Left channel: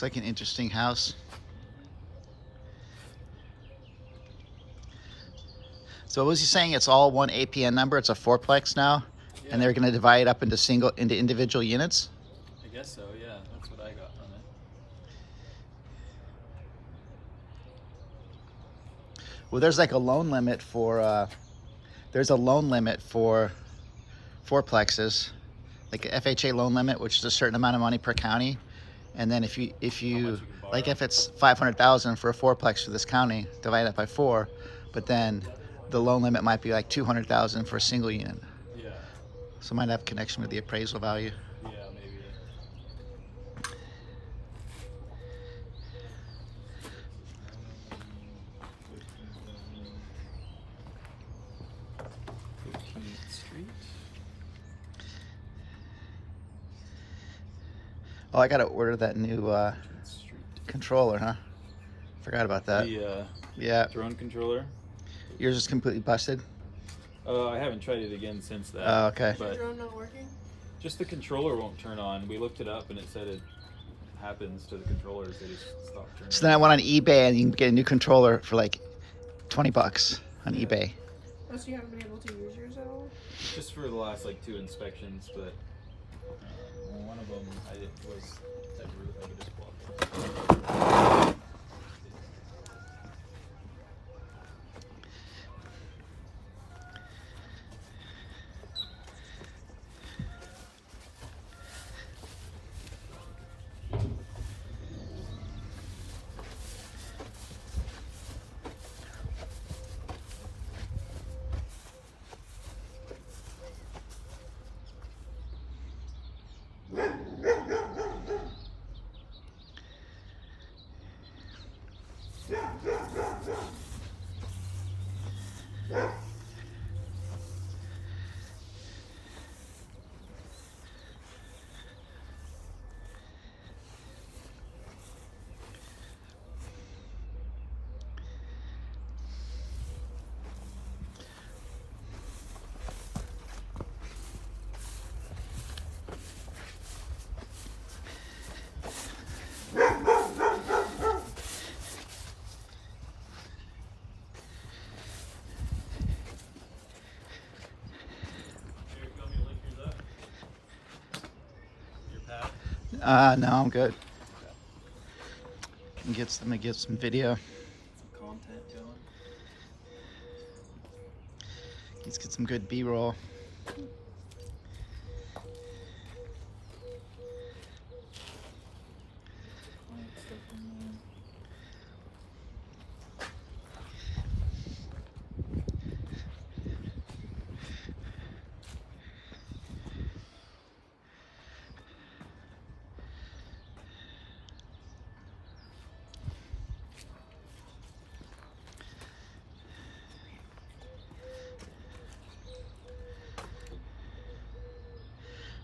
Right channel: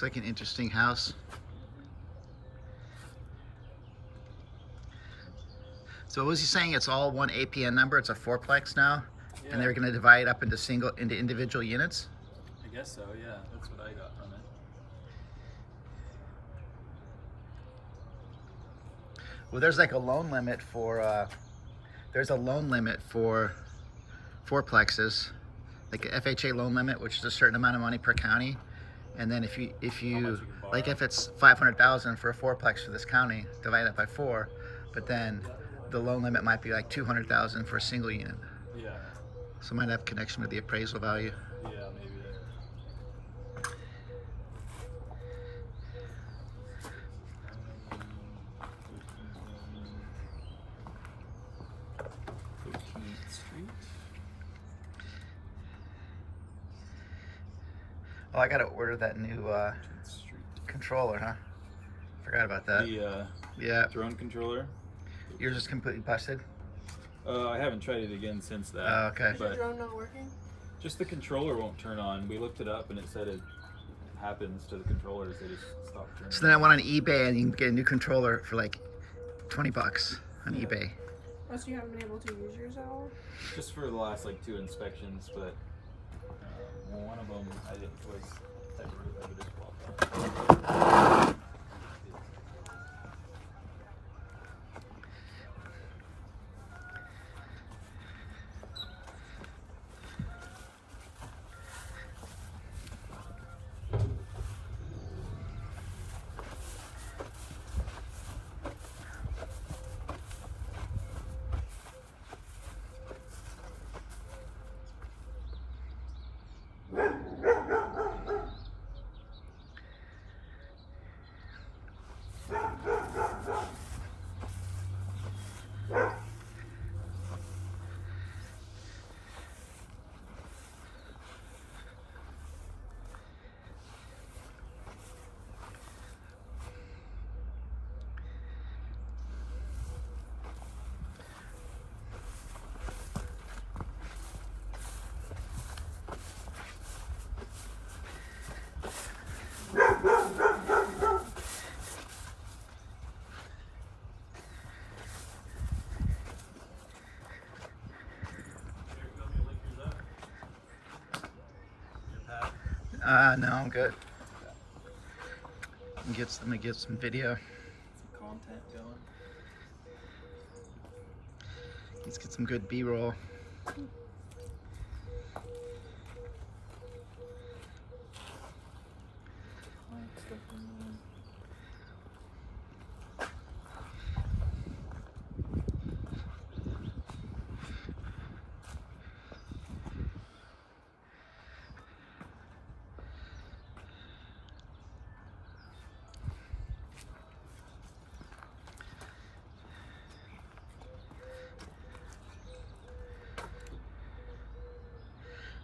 Looks like an interesting house. So what was he saying? It's all one APN number. It's a fourplex now, Yeah. and they're going to divide it up into individual units. I guess so. Yeah, that's what I got from it. Well, there's like a loan limit for. There's a loan limit for fourplexes, like a FHA loan limit, which is a certain amount of money per county. And then if you How much you can borrow. like if it's 500,000 for a fourplex for this county, divide it by 4, but then the loan limit might be like 200,000 for a single unit. Yeah. So it might have connection with the appraisal value. Yeah, maybe. Street. Oh, I gotta order that new controller, huh? Forgot about that. The Yeah. drone controller. Yours is completely busted? I haven't tried it again since that. Oh, okay. Is your drone not working? Just the controller won't turn on. We looked it up and it said it happens to the controllers. They just stop turning. So then I went on eBay and you can get a new controller for like 20 bucks on eBay. Oh, so you haven't been able to use yours at all? Just for the last like 2 inspections, but one of them I didn't was No, I'm good. Let me get some video. content going. Let's get some good B-roll.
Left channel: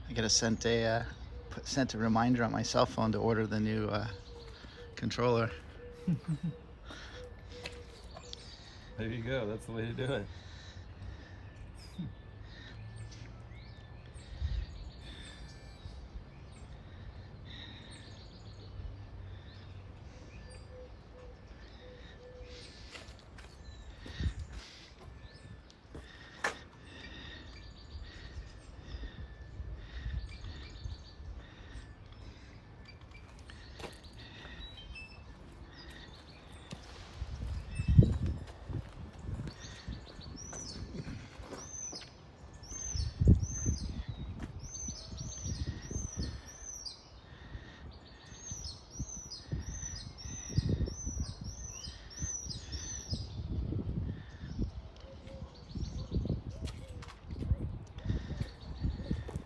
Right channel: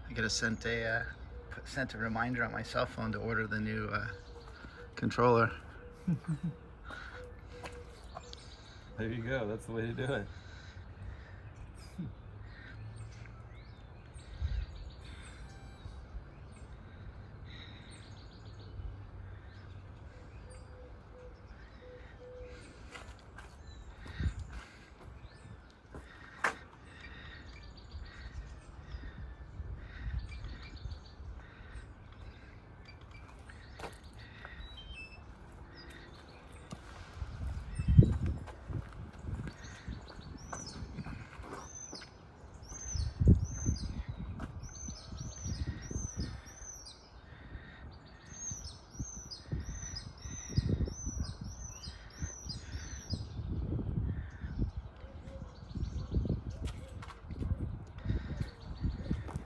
I gotta send a reminder on my cell phone to order the new controller. There you go. That's the way to do it.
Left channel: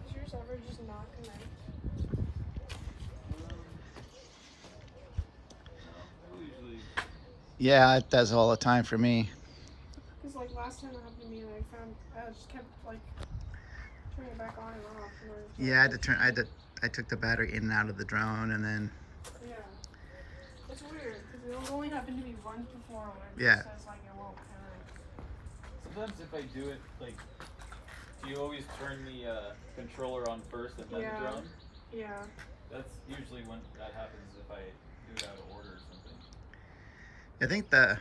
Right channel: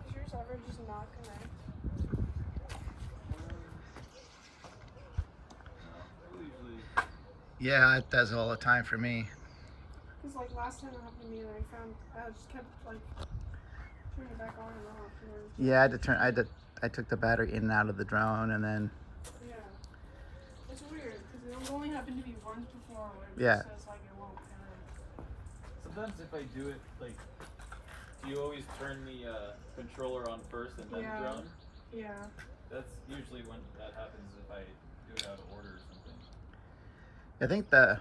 Does yours ever just not connect? Yeah, it does all the time for me. Because like last time it happened to me, and I just kept like turning it back on and off. And then Yeah, I took the battery in and out of the drone, and then yeah, it's weird because it only happened to me once before where it Yeah. just says like it won't connect. Sometimes if I do it, like, do you always turn the controller on first and then Yeah. the drone? Yeah. That's usually when that happens if I do it out of order or something. I think the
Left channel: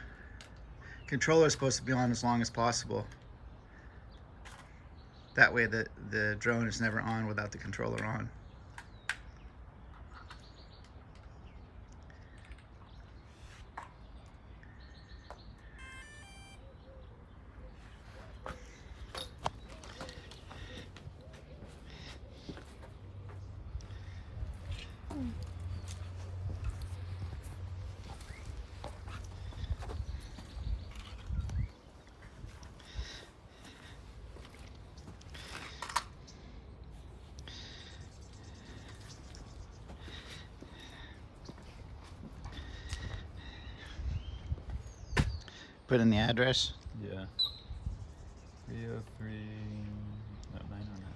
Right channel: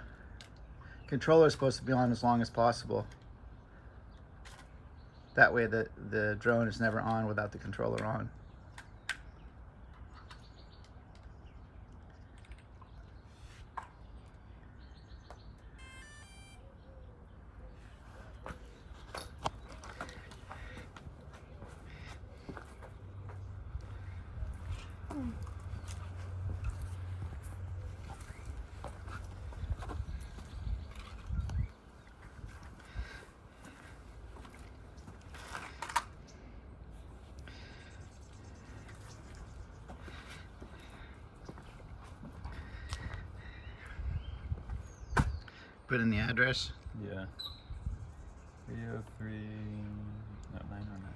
controller is supposed to be on as long as possible. That way the drone is never on without the controller on. Put in the address. Yeah. 303. No, 909.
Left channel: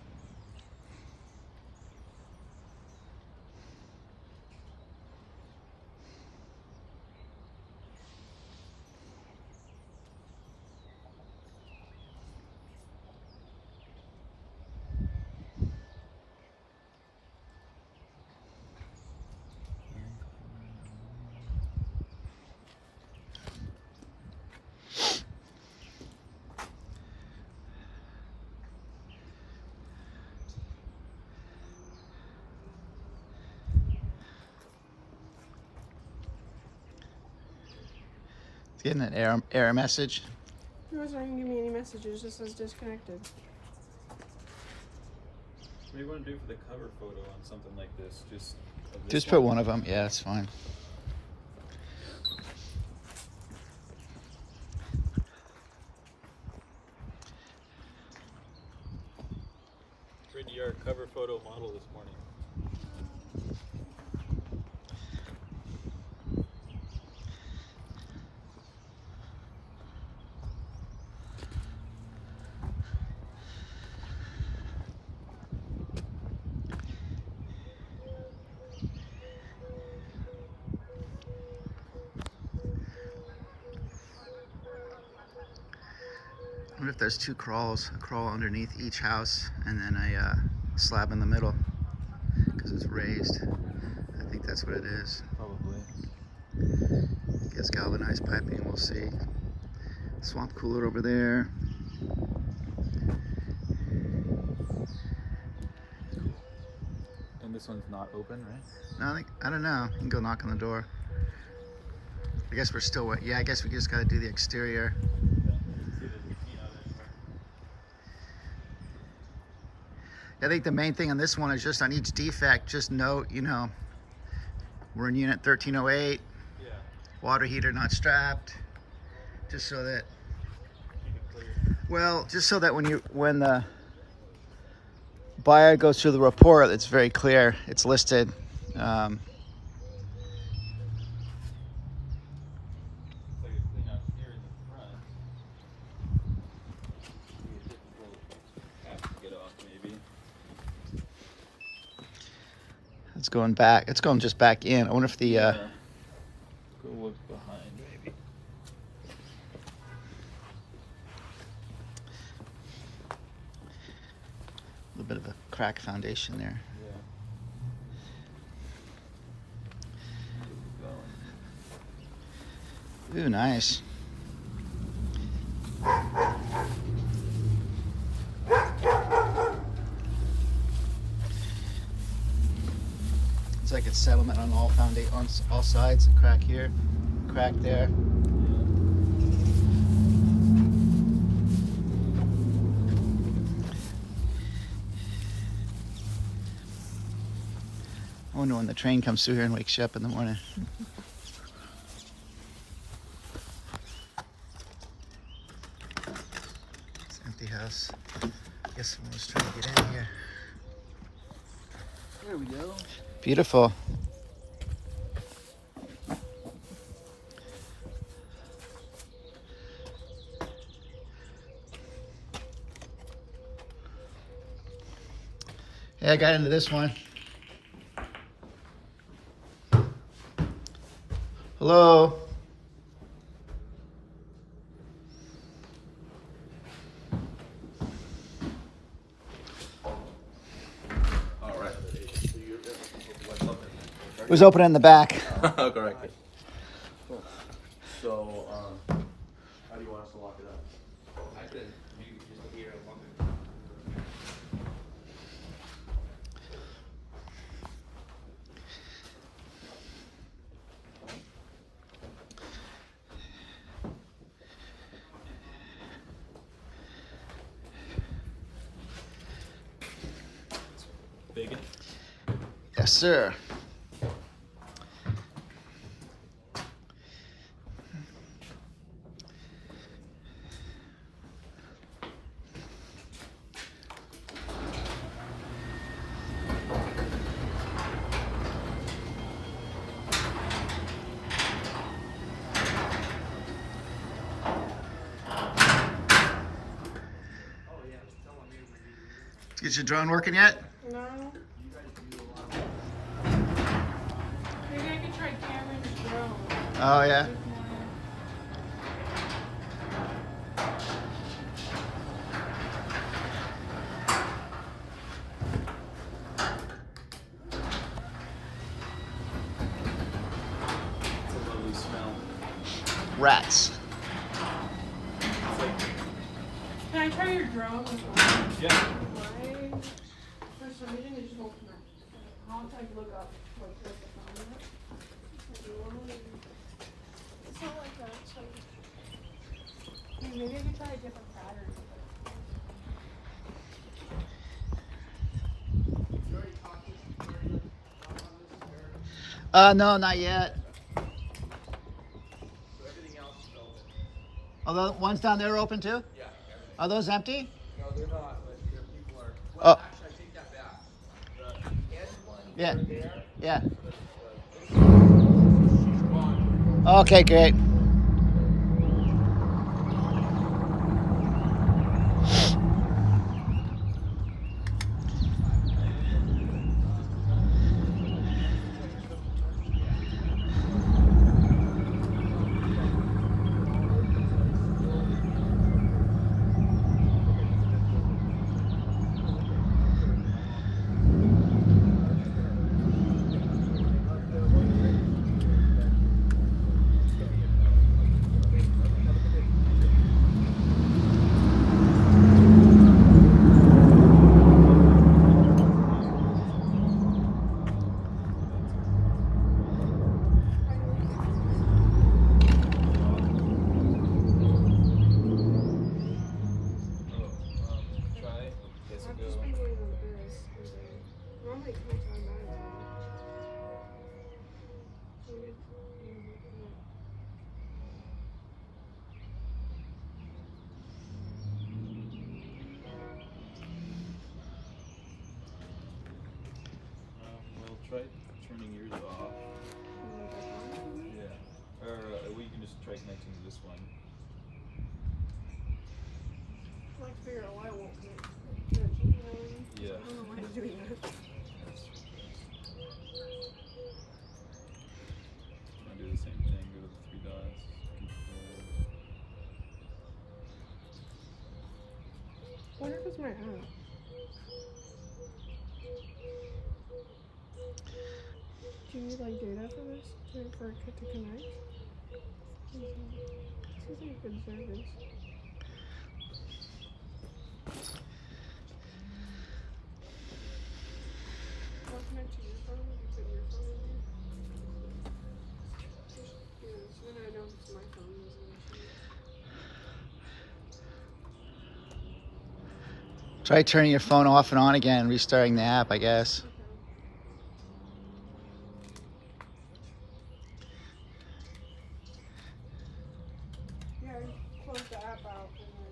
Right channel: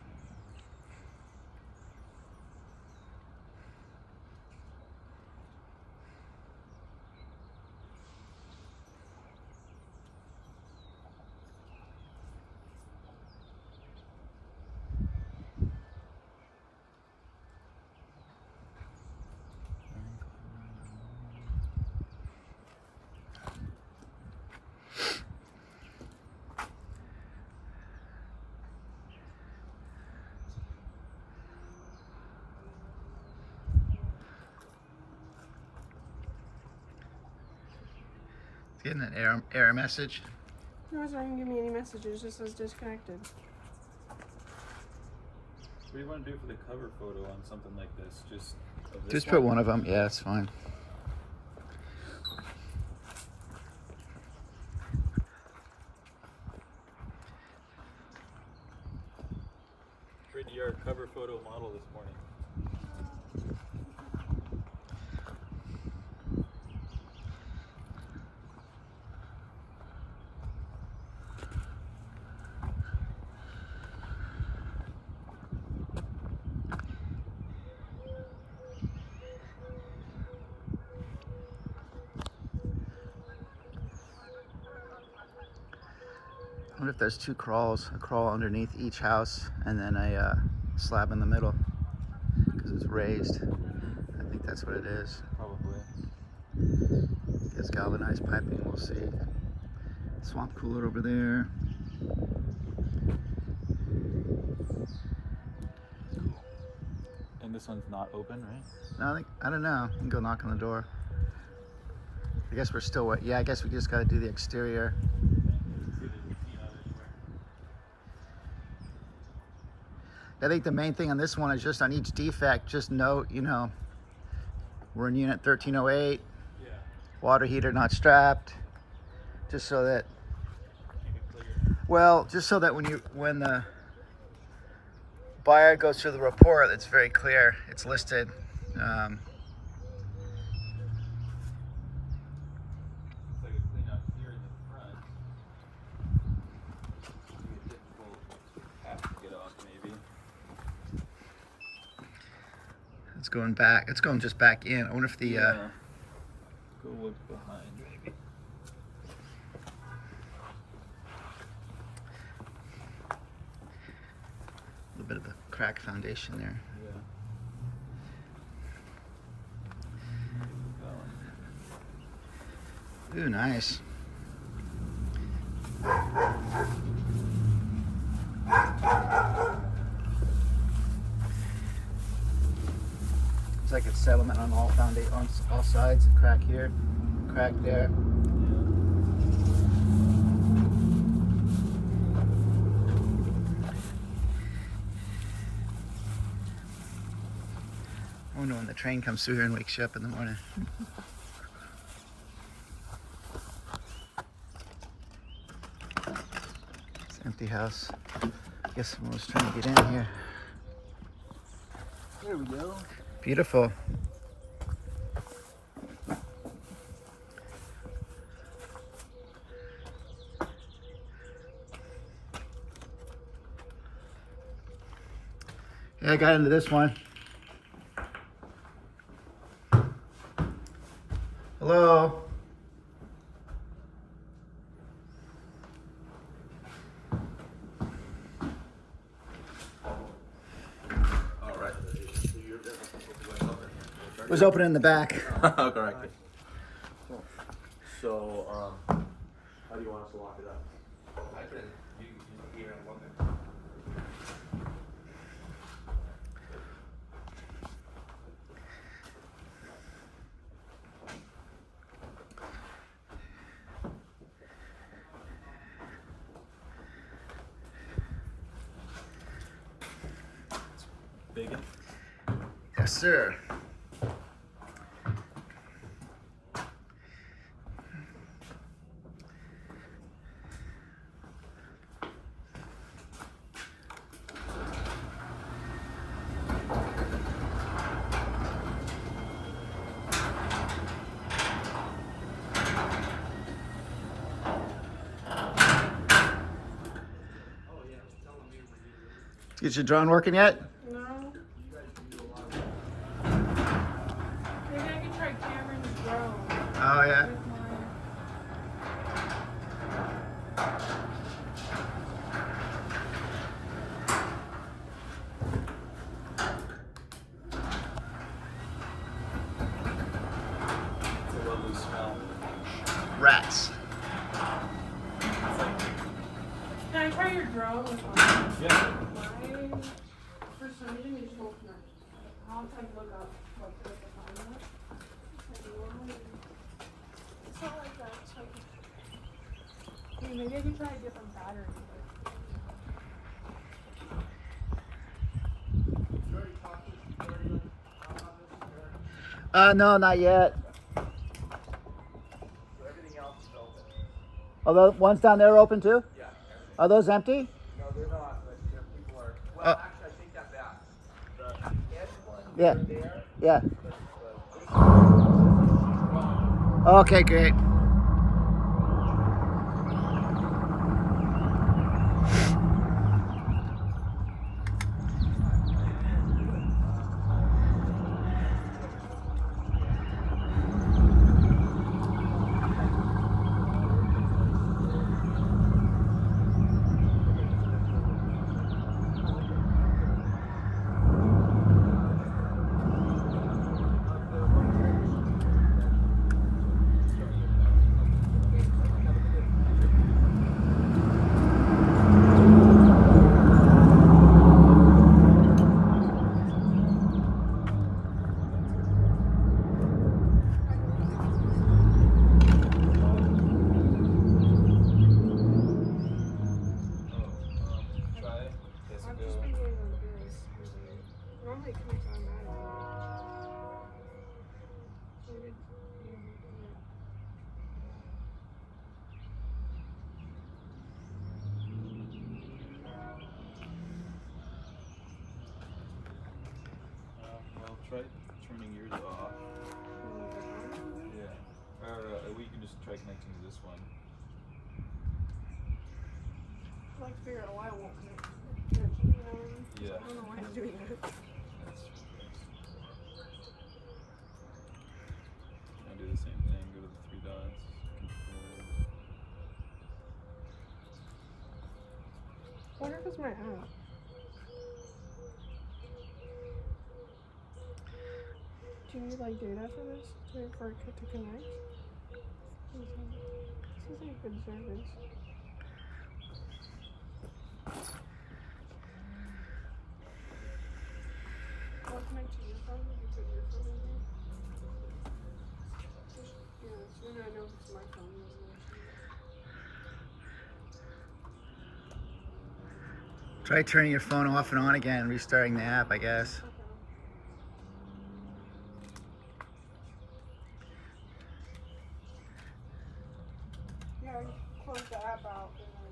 It's getting an error message. No, it's not gonna give me any messages. It just says disconnected. What do you want to do for the cover photo on something like this? Just put one of them. Yeah, it's fine. Pretty our cover photo model this morning. I wonder if there's two crawls, a crawl underneath each house and then a slab in the middle because it's raised. I think that's what it is. Probably. I guess galvanized piping, we'll see. Swamp cooler over there. And this one's not open, right? No, I don't know. You can go knock on the door. I guess we're still wet. Yeah, I guess we just got to do the exterior. I think the main thing on this one is just on each defect, just note, you know, we're in unit 1308, Yeah. water heater not strapped, just so that, Keep it clear. well, just so that when the buyer goes through the report, it's very clear, it's listed. It's like a clean out here in the front. Be a difficult cap to get off, maybe. It's going back, it's going just back in. I wonder if the, Go look behind, maybe. a little bit of a crack foundation there. Yeah. Keep it going. Ooh, nice. It's like it's settlement on all on all sides. A crack here, crack there. I wonder when the train comes through here and wakes you up in the morning. It's an empty house. I guess someone was trying to get in here. There we go. Beautiful. Yeah, I got into this one. Hello? All right. So you're was open in the back. Correct. Cool. So, how do you want us to lock it up? I could, you just hear a moment. Bacon? Yes, sir. Get your drone working yet? No. Maybe I could try Cameron's drone. Oh, yeah. With mine. It's a little smell. Rats. It's like, Can I try your drone with mine? yeah. Mine, for some reason, it just won't connect. I'll have to like look up what the phone is. It's not like that. It's like, maybe I can try a different battery. No, not yet. Everything else is open. Are the ones down there open too? Yeah. Are those empty? No, they're not, but people are. Oh. Well, actually, I take that back. The end one Yeah. right there. Yeah. Well, Okay, great. Try. Does it I've go? just been going on this. Normally it connects automatically. Maybe, yeah. Well, try turning yours off. Yeah. Or we can just try connecting to this one. I'd like to figure out why it won't connect. You know what I mean? Yeah. I don't know why it's doing that. I'll do the same thing. Go to the three dots. Control. I wonder if it's my app. Do you need like data for this for it to connect? This is like good service. Will it connect to your phone if you put your phone in there? Yeah, so then I know if it's my phone. There's no issue. Try turning your phone off and on again, restarting the app, I guess. Okay. Yeah, I close the app out and then.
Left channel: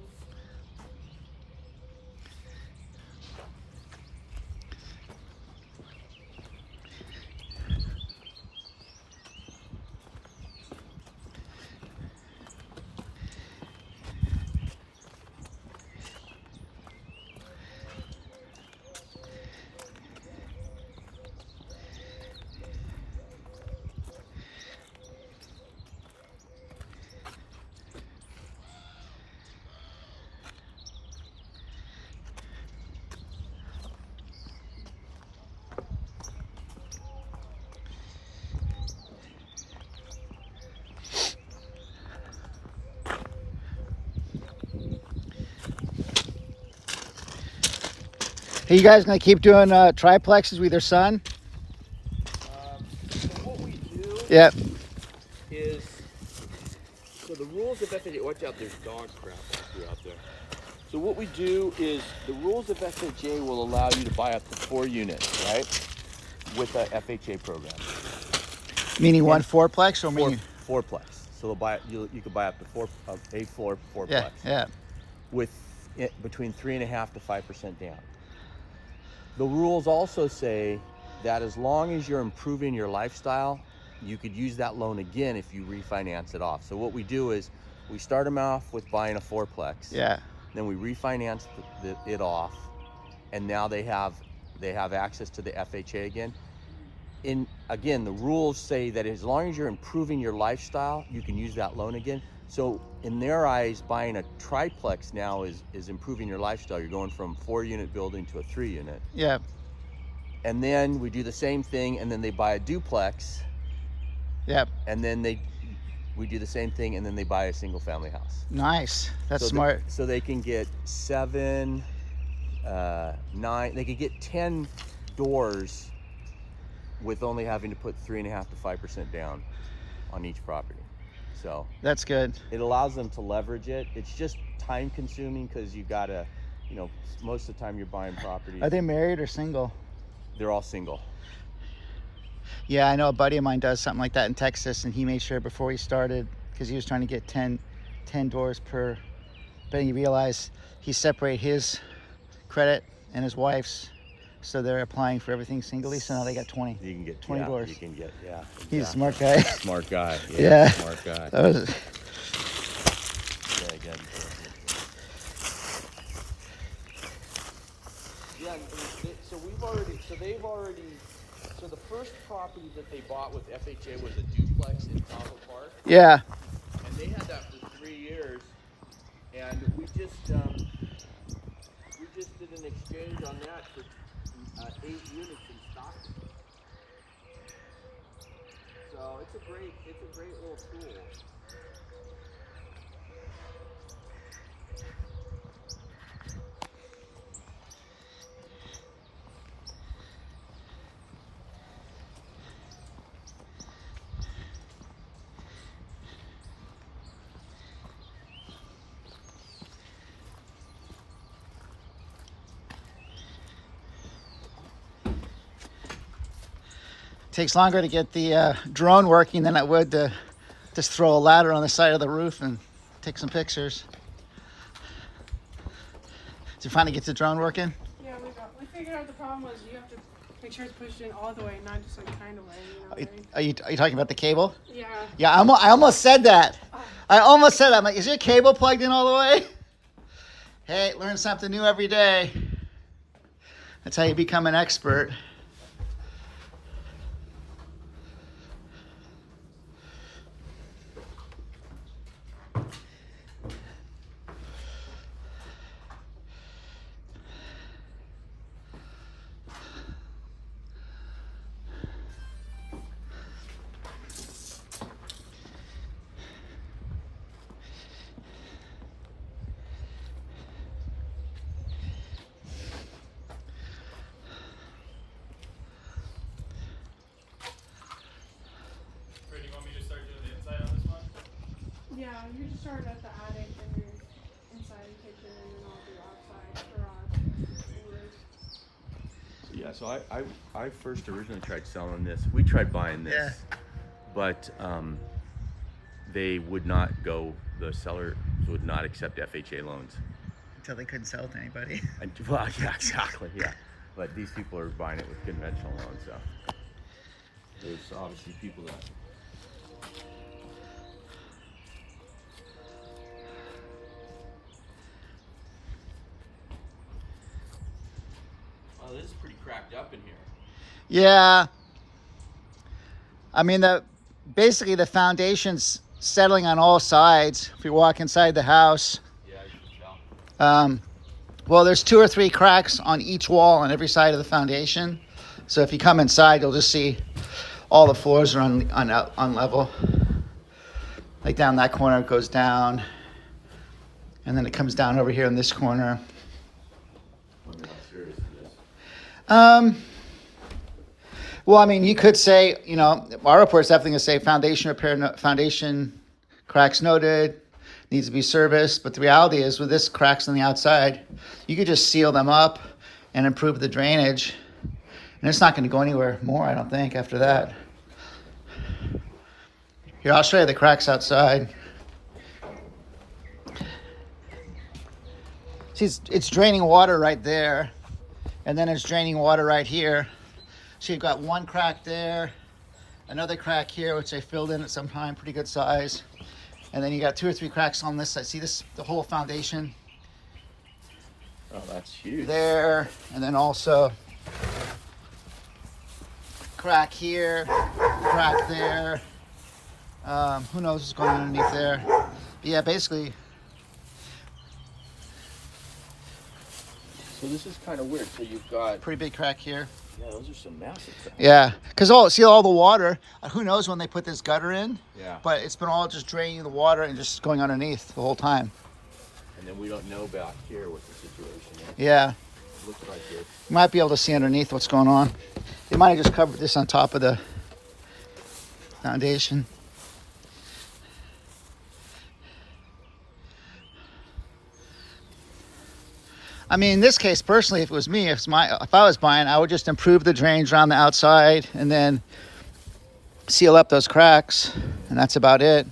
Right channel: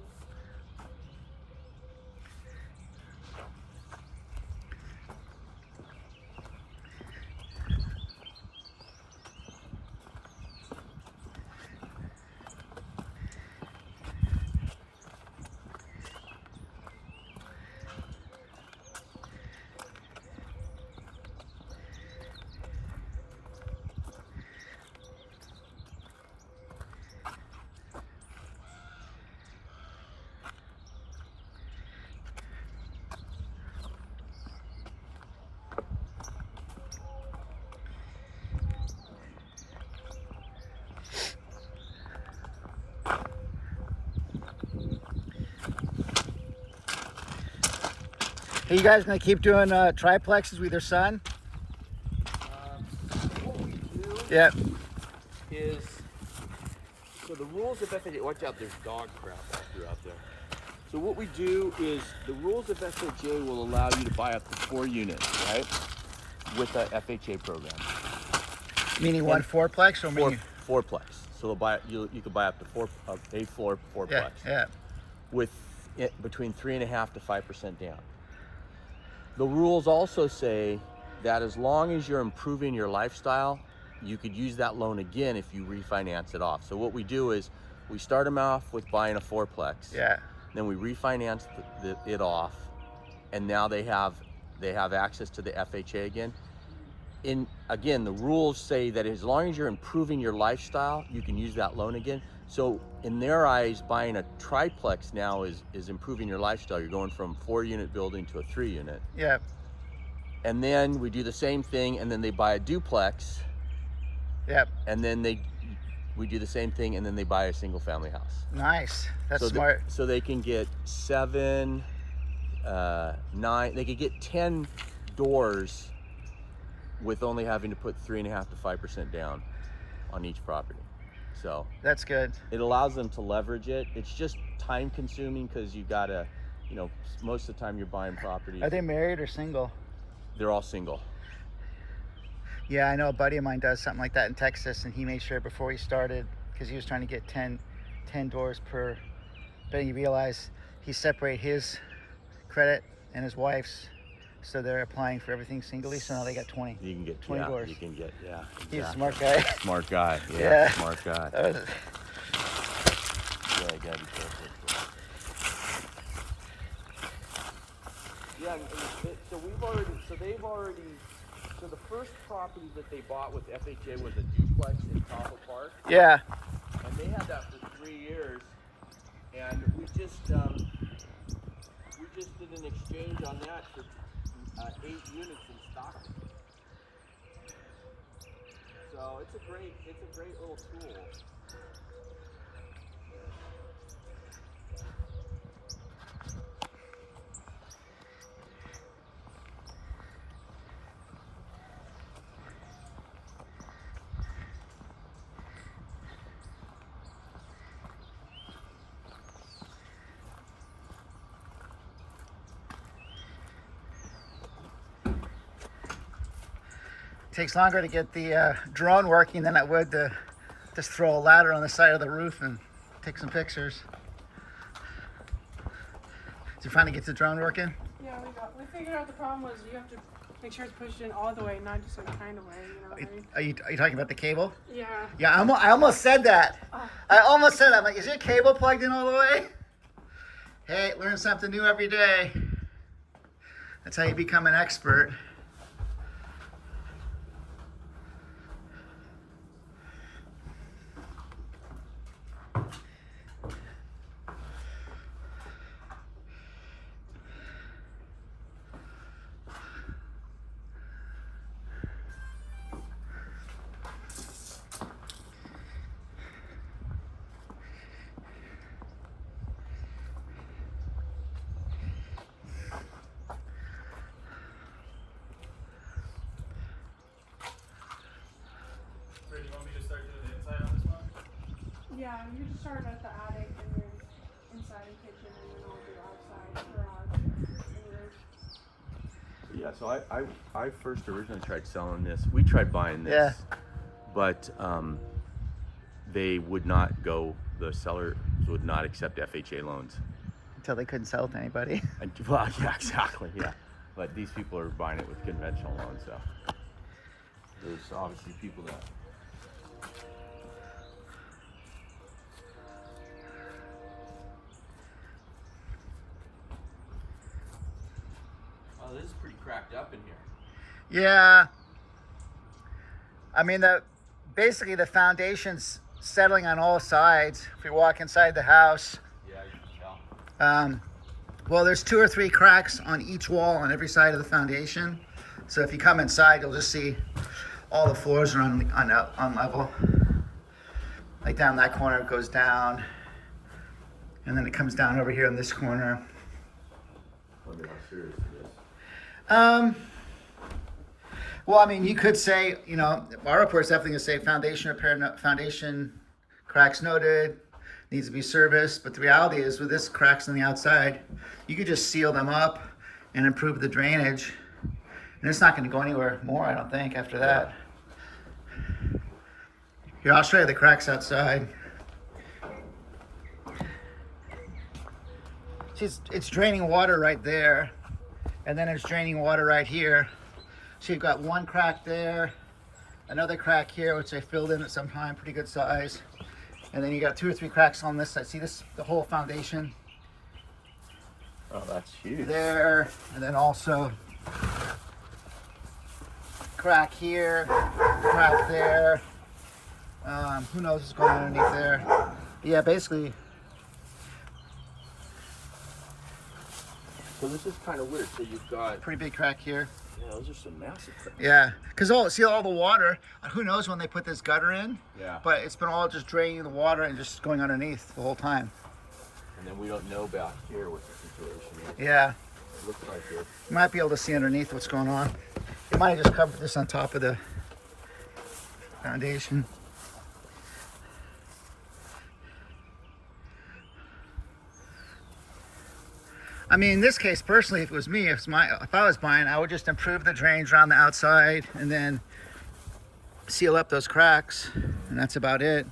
Are you guys gonna keep doing triplexes with your son? So what we do Yeah. is, so the rules of FHA, watch out, there's dog crap all throughout there. So what we do is, the rules of FHA will allow you to buy up to 4 units, right? With a FHA program. Meaning one And fourplex or meaning? Fourplex. So they'll buy, you can buy up to a floor fourplex. Yeah, yeah. With between 3.5% to 5% down. The rules also say that as long as you're improving your lifestyle, you could use that loan again if you refinance it off. So what we do is we start them off with buying a fourplex. Yeah. Then we refinance it off, and now they have access to the FHA again. Again, the rules say that as long as you're improving your lifestyle, you can use that loan again. So in their eyes, buying a triplex now is improving your lifestyle. You're going from 4-unit building to a 3-unit. Yeah. And then we do the same thing, and then they buy a duplex. Yep. And then we do the same thing, and then they buy a single family house. Nice. That's smart. So they can get 7, 9, they could get 10 doors with only having to put 3.5% to 5% down on each property. So that's good. It allows them to leverage it. It's just time consuming because you gotta, most of the time you're buying properties. Are they married or single? They're all single. Yeah, I know a buddy of mine does something like that in Texas, and he made sure before he started, because he was trying to get 10 doors per, but he realized he separated his credit and his wife's, so they're applying for everything singly, so now they got 20. You can get 20 doors. You can get, yeah. He's a exactly. smart guy. Smart guy, Yeah. Smart guy. That was... Yeah, you gotta be careful. Yeah, so the first property that they bought with FHA was a duplex in Cabo Park. Yeah. And they had that for 3 years, and we just did an exchange on that for 8 units in Stockton. So it's a great little tool. Takes longer to get the drone working than it would to just throw a ladder on the side of the roof and take some pictures. Did you finally get the drone working? Yeah, we figured out the problem was you have to make sure it's pushed in all the way, not just like kind of way, you know. Are you talking about the cable? Yeah. Yeah, I almost said that. I almost said that. I'm like, is your cable plugged in all the way? Hey, learn something new every day. That's how you become an expert. Ray, do you want me to start doing the inside on this one? Yeah, you just start at the attic and then inside the kitchen and then all the outside garage and roof. Yeah, so I first originally tried selling this. We tried buying this, Yeah. but they would not go. The sellers would not accept FHA loans. Until they couldn't sell to anybody. And, well, yeah, exactly. Yeah, but these people are buying it with conventional loans. So there's obviously people that. Oh, this is pretty cracked up in here. Yeah. I mean, basically the foundation's settling on all sides. If you walk inside the house, Yeah, you can tell. well, there's 2 or 3 cracks on each wall on every side of the foundation. So if you come inside, you'll just see all the floors are on level. Like down that corner, it goes down, and then it comes down over here in this corner. Wonder how serious it is. Well, I mean, you could say, you know, our report's definitely going to say foundation repair, foundation cracks noted, needs to be serviced. But the reality is, with this cracks on the outside, you could just seal them up and improve the drainage. And it's not going to go anywhere more, I don't think, after that. Here, I'll show you the cracks outside. See, it's draining water right there. And then it's draining water right here. So you've got one crack there, another crack here, which I filled in at some time, pretty good size. And then you got 2 or 3 cracks on this side. See this, the whole foundation Oh, that's huge. there, and then also crack here, crack there. Who knows what's going on underneath there? Yeah, basically. So this is kind of weird. So you've got, Pretty big crack here. yeah, those are some massive cracks. Yeah, because see all the water, who knows when they put this gutter in, Yeah. but it's been all just draining the water and just going underneath the whole time. And then we don't know back here what the situation is. Yeah, It looks like it. you might be able to see underneath what's going on. You might have just covered this on top of the foundation. I mean, in this case, personally, if it was me, if I was buying, I would just improve the drainage around the outside and then seal up those cracks, and that's about it.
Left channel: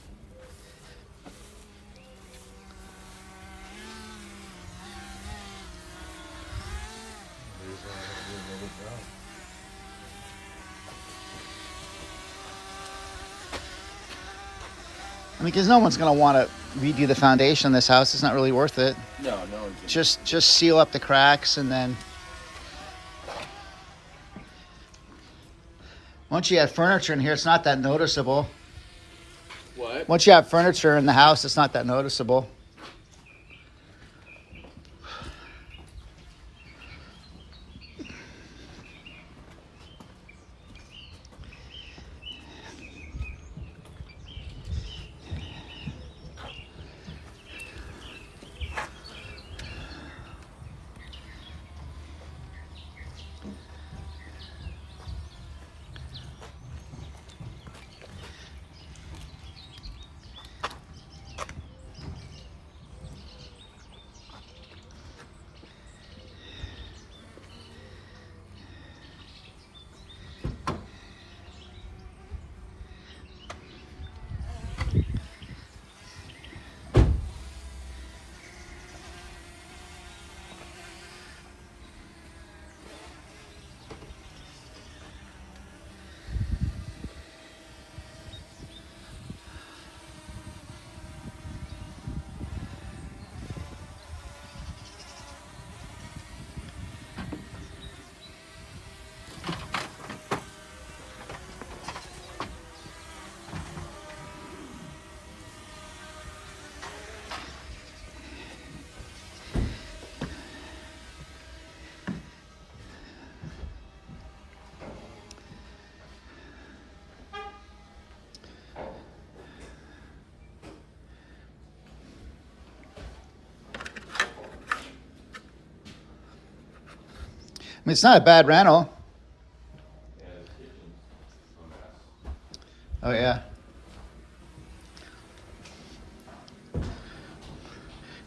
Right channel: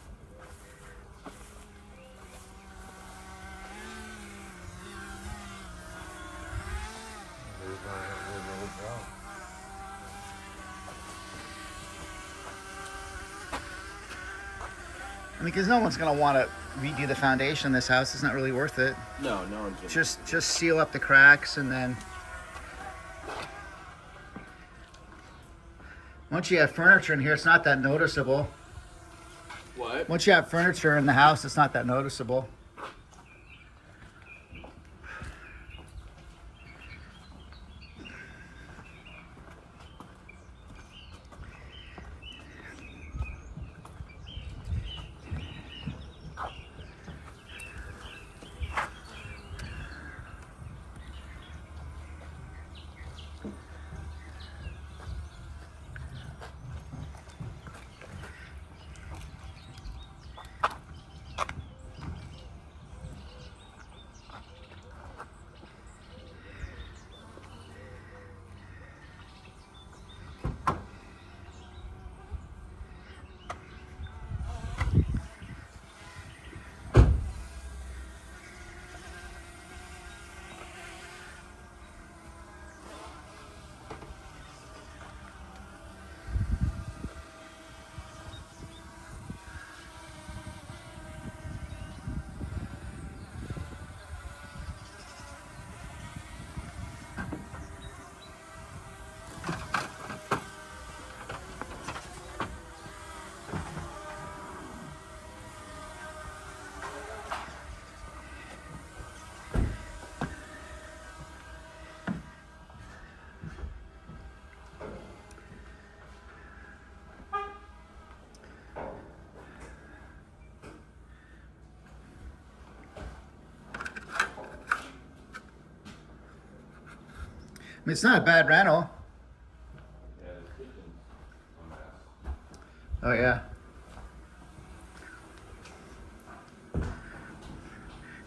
I mean, because no one's going to want to redo the foundation in this house. It's not really worth it. No, no one's gonna. Just seal up the cracks, and then once you have furniture in here, it's not that noticeable. What? Once you have furniture in the house, it's not that noticeable. I mean, it's not a bad rental. Oh, yeah. You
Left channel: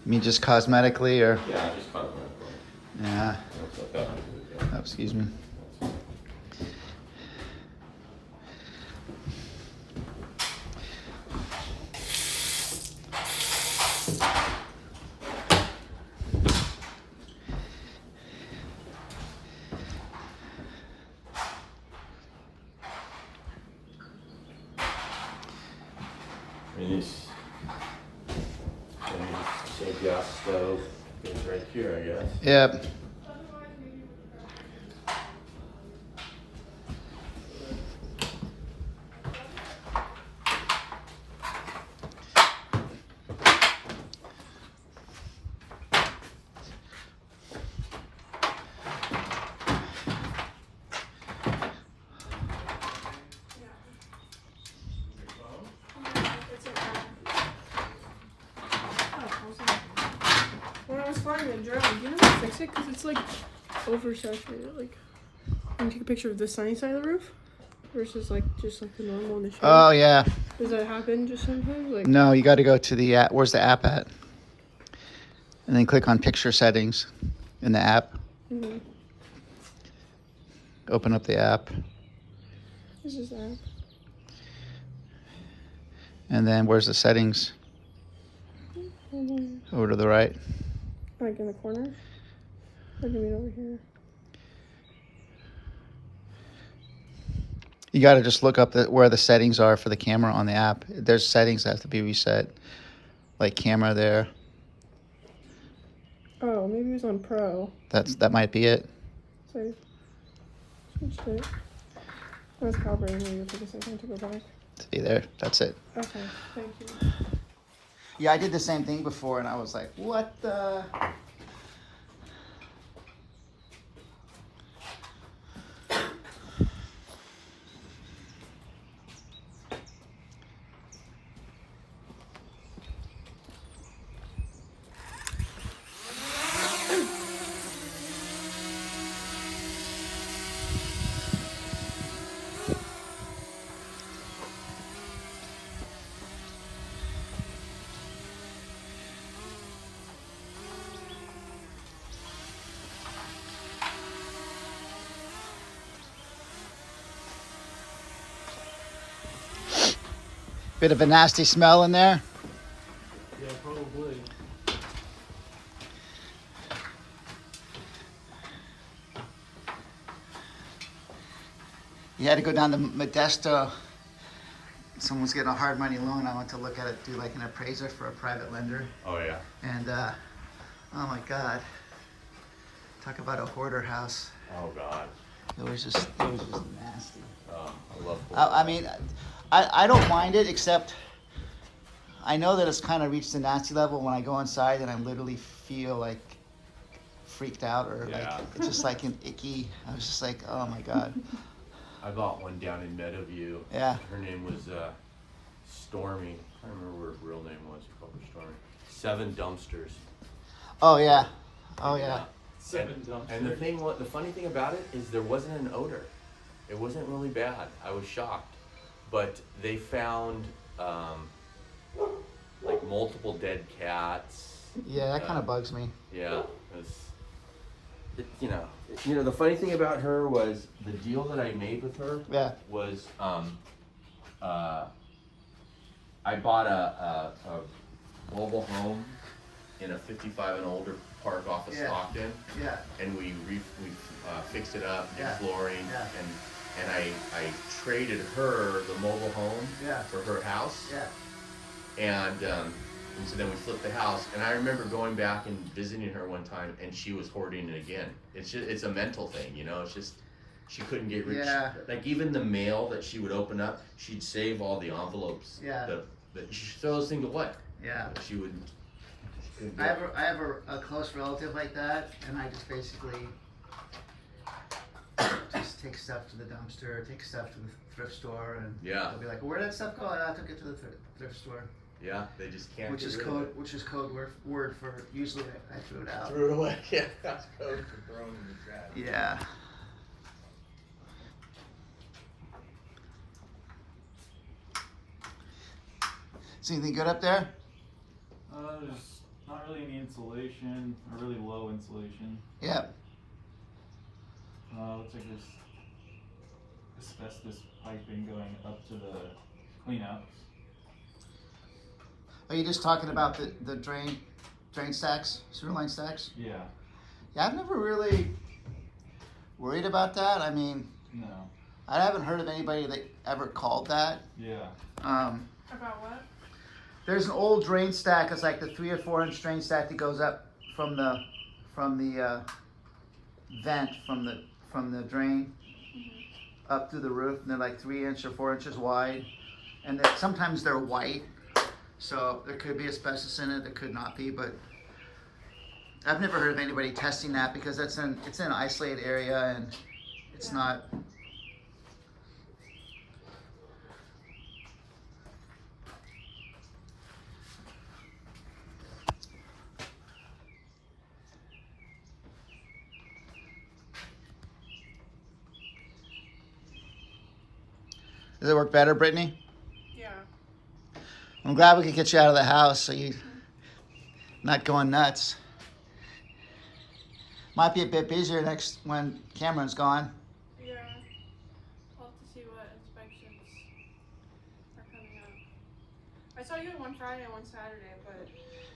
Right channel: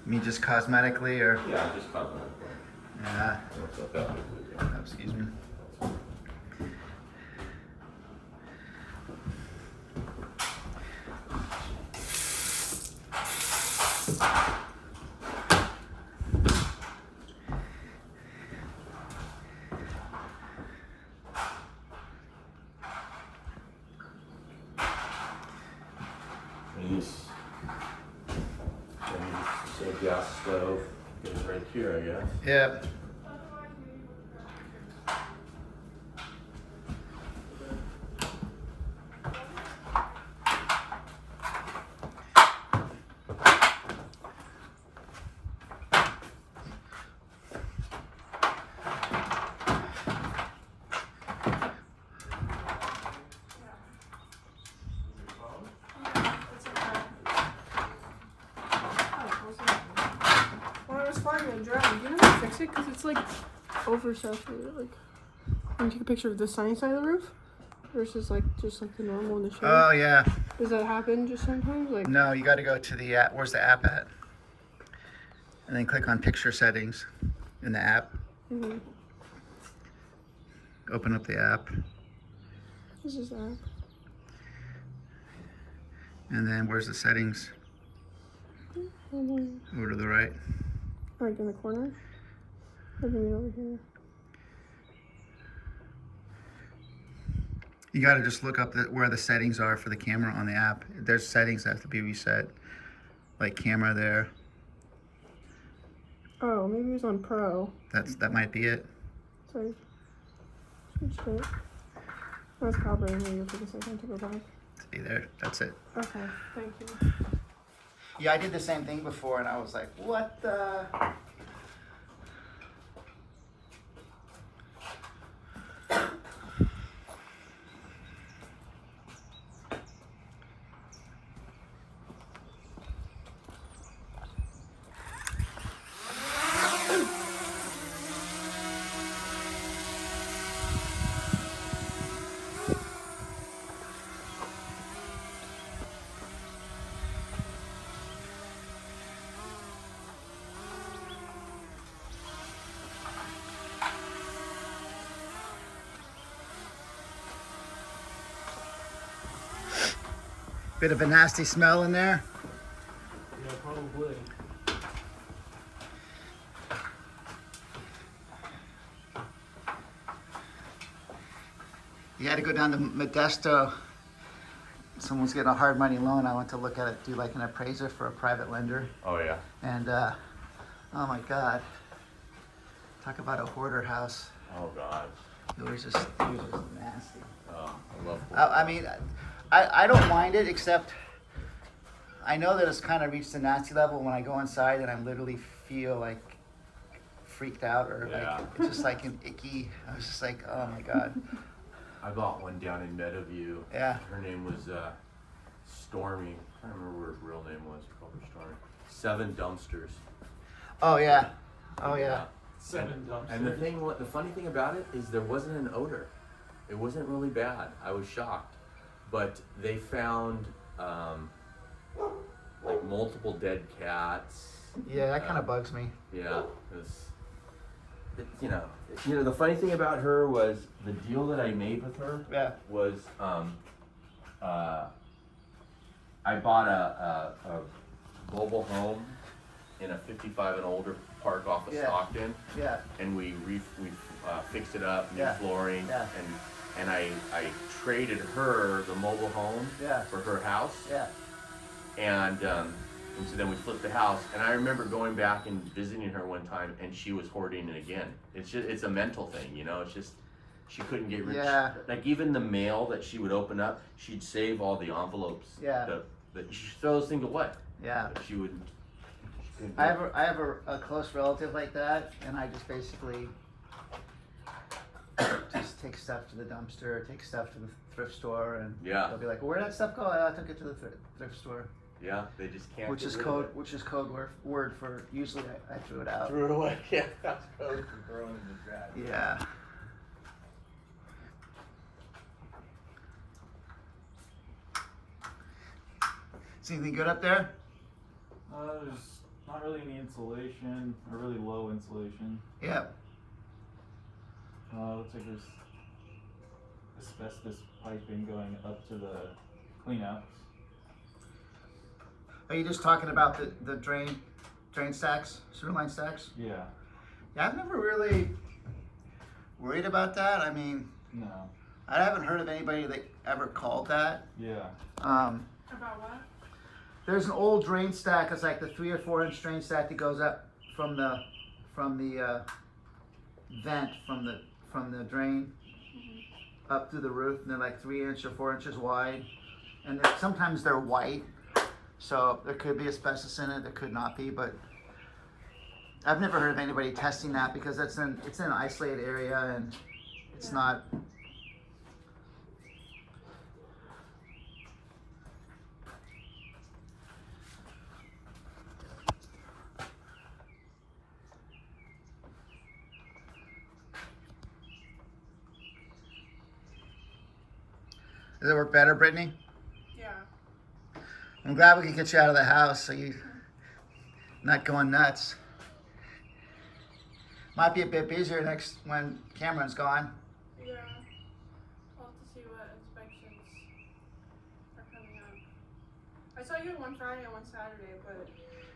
mean just cosmetically, or? Yeah, just cut it. Yeah. Looks like that. Oh, excuse me. Nice. Same gas stove goes right here, I guess. Yep. When I was finding a drill, do you know how to fix it? Because it's like oversaturated. Like, Can you take a picture of the sunny side of the roof versus like just like the normal in the shade? Oh yeah. Does that happen just sometimes? Like No, you got to go to the app. Where's the app at? And then click on picture settings in the app. mm-hmm. Open up the app. This is that. And then where's the settings? Over to the right. Like in the corner? Or do you mean over here? You got to just look up where the settings are for the camera on the app. There's settings that have to be reset. Like camera there. Oh, maybe it was on Pro. That might be it. So I switched it. I was calibrating. Maybe it'll take a second to go back. See there. That's it. Okay, thank you. Yeah, I did the same thing before, and I was like, what the? Bit of a nasty smell in there. Yeah, probably. You had to go down to Modesto. Someone's getting a hard money loan. I went to look at it, do like an appraiser for a private lender. Oh yeah. And oh my God, talk about a hoarder house. Oh God. It was just nasty. I love. I mean, I don't mind it, except I know that it's kind of reached the nasty level when I go inside and I literally feel like freaked out or Yeah. like it's just like an icky. I was just like, oh my God. I bought one down in Meadowview. Yeah. Her name was Stormy. I don't remember what her real name was. Probably Stormy. 7 dumpsters. Oh yeah. Oh yeah. 7 dumpsters. And the funny thing about it is there wasn't an odor. It wasn't really bad. I was shocked, but they found like multiple dead cats. Yeah, that kind of bugs me. Yeah, you know, the funny thing about her was the deal that I made with her Yeah. was I bought a mobile home in a 55 and older park off of Yeah. Stockton, Yeah. and we fixed it up, new Yeah. flooring, Yeah. and I traded her the mobile home Yeah. for her house, Yeah. and so then we flipped the house, and I remember going back and visiting her one time, and she was hoarding it again. It's a mental thing, you know. It's just she couldn't get rid. Yeah. Like even the mail that she would open up, she'd save all the envelopes. Yeah. She'd throw those things away. Yeah. But she wouldn't. I have a close relative like that, and I just basically just take stuff to the dumpster, take stuff to the thrift store, and Yeah. they'll be like, "Where'd that stuff go?" I took it to the thrift store, Yeah, they just can't. which get is rid code of it. which is code word for usually I threw it out. Threw it away. Yeah, that's code for throwing in the trash. Yeah. See anything good up there? There's not really any insulation, or really low insulation. Yeah. Looks like there's asbestos piping going up to the cleanouts. Are you just talking about the drain stacks, sewer line stacks? Yeah. Yeah, I've never really worried about that. I mean, No. I haven't heard of anybody that ever called that. Yeah. About what? There's an old drain stack. It's like the 3 or 4 inch drain stack that goes up from the vent from the drain up through the roof, and they're like 3 inch or 4 inches wide, and sometimes they're white, so there could be asbestos in it. There could not be, but I've never heard of anybody testing that because it's in an isolated area and it's not. Does it work better, Brittany? Yeah. I'm glad we could get you out of the house so you're not going nuts. Might be a bit busier next when Cameron's gone. Yeah. I'll have to see what inspections are coming up. I saw you one Friday and one Saturday, but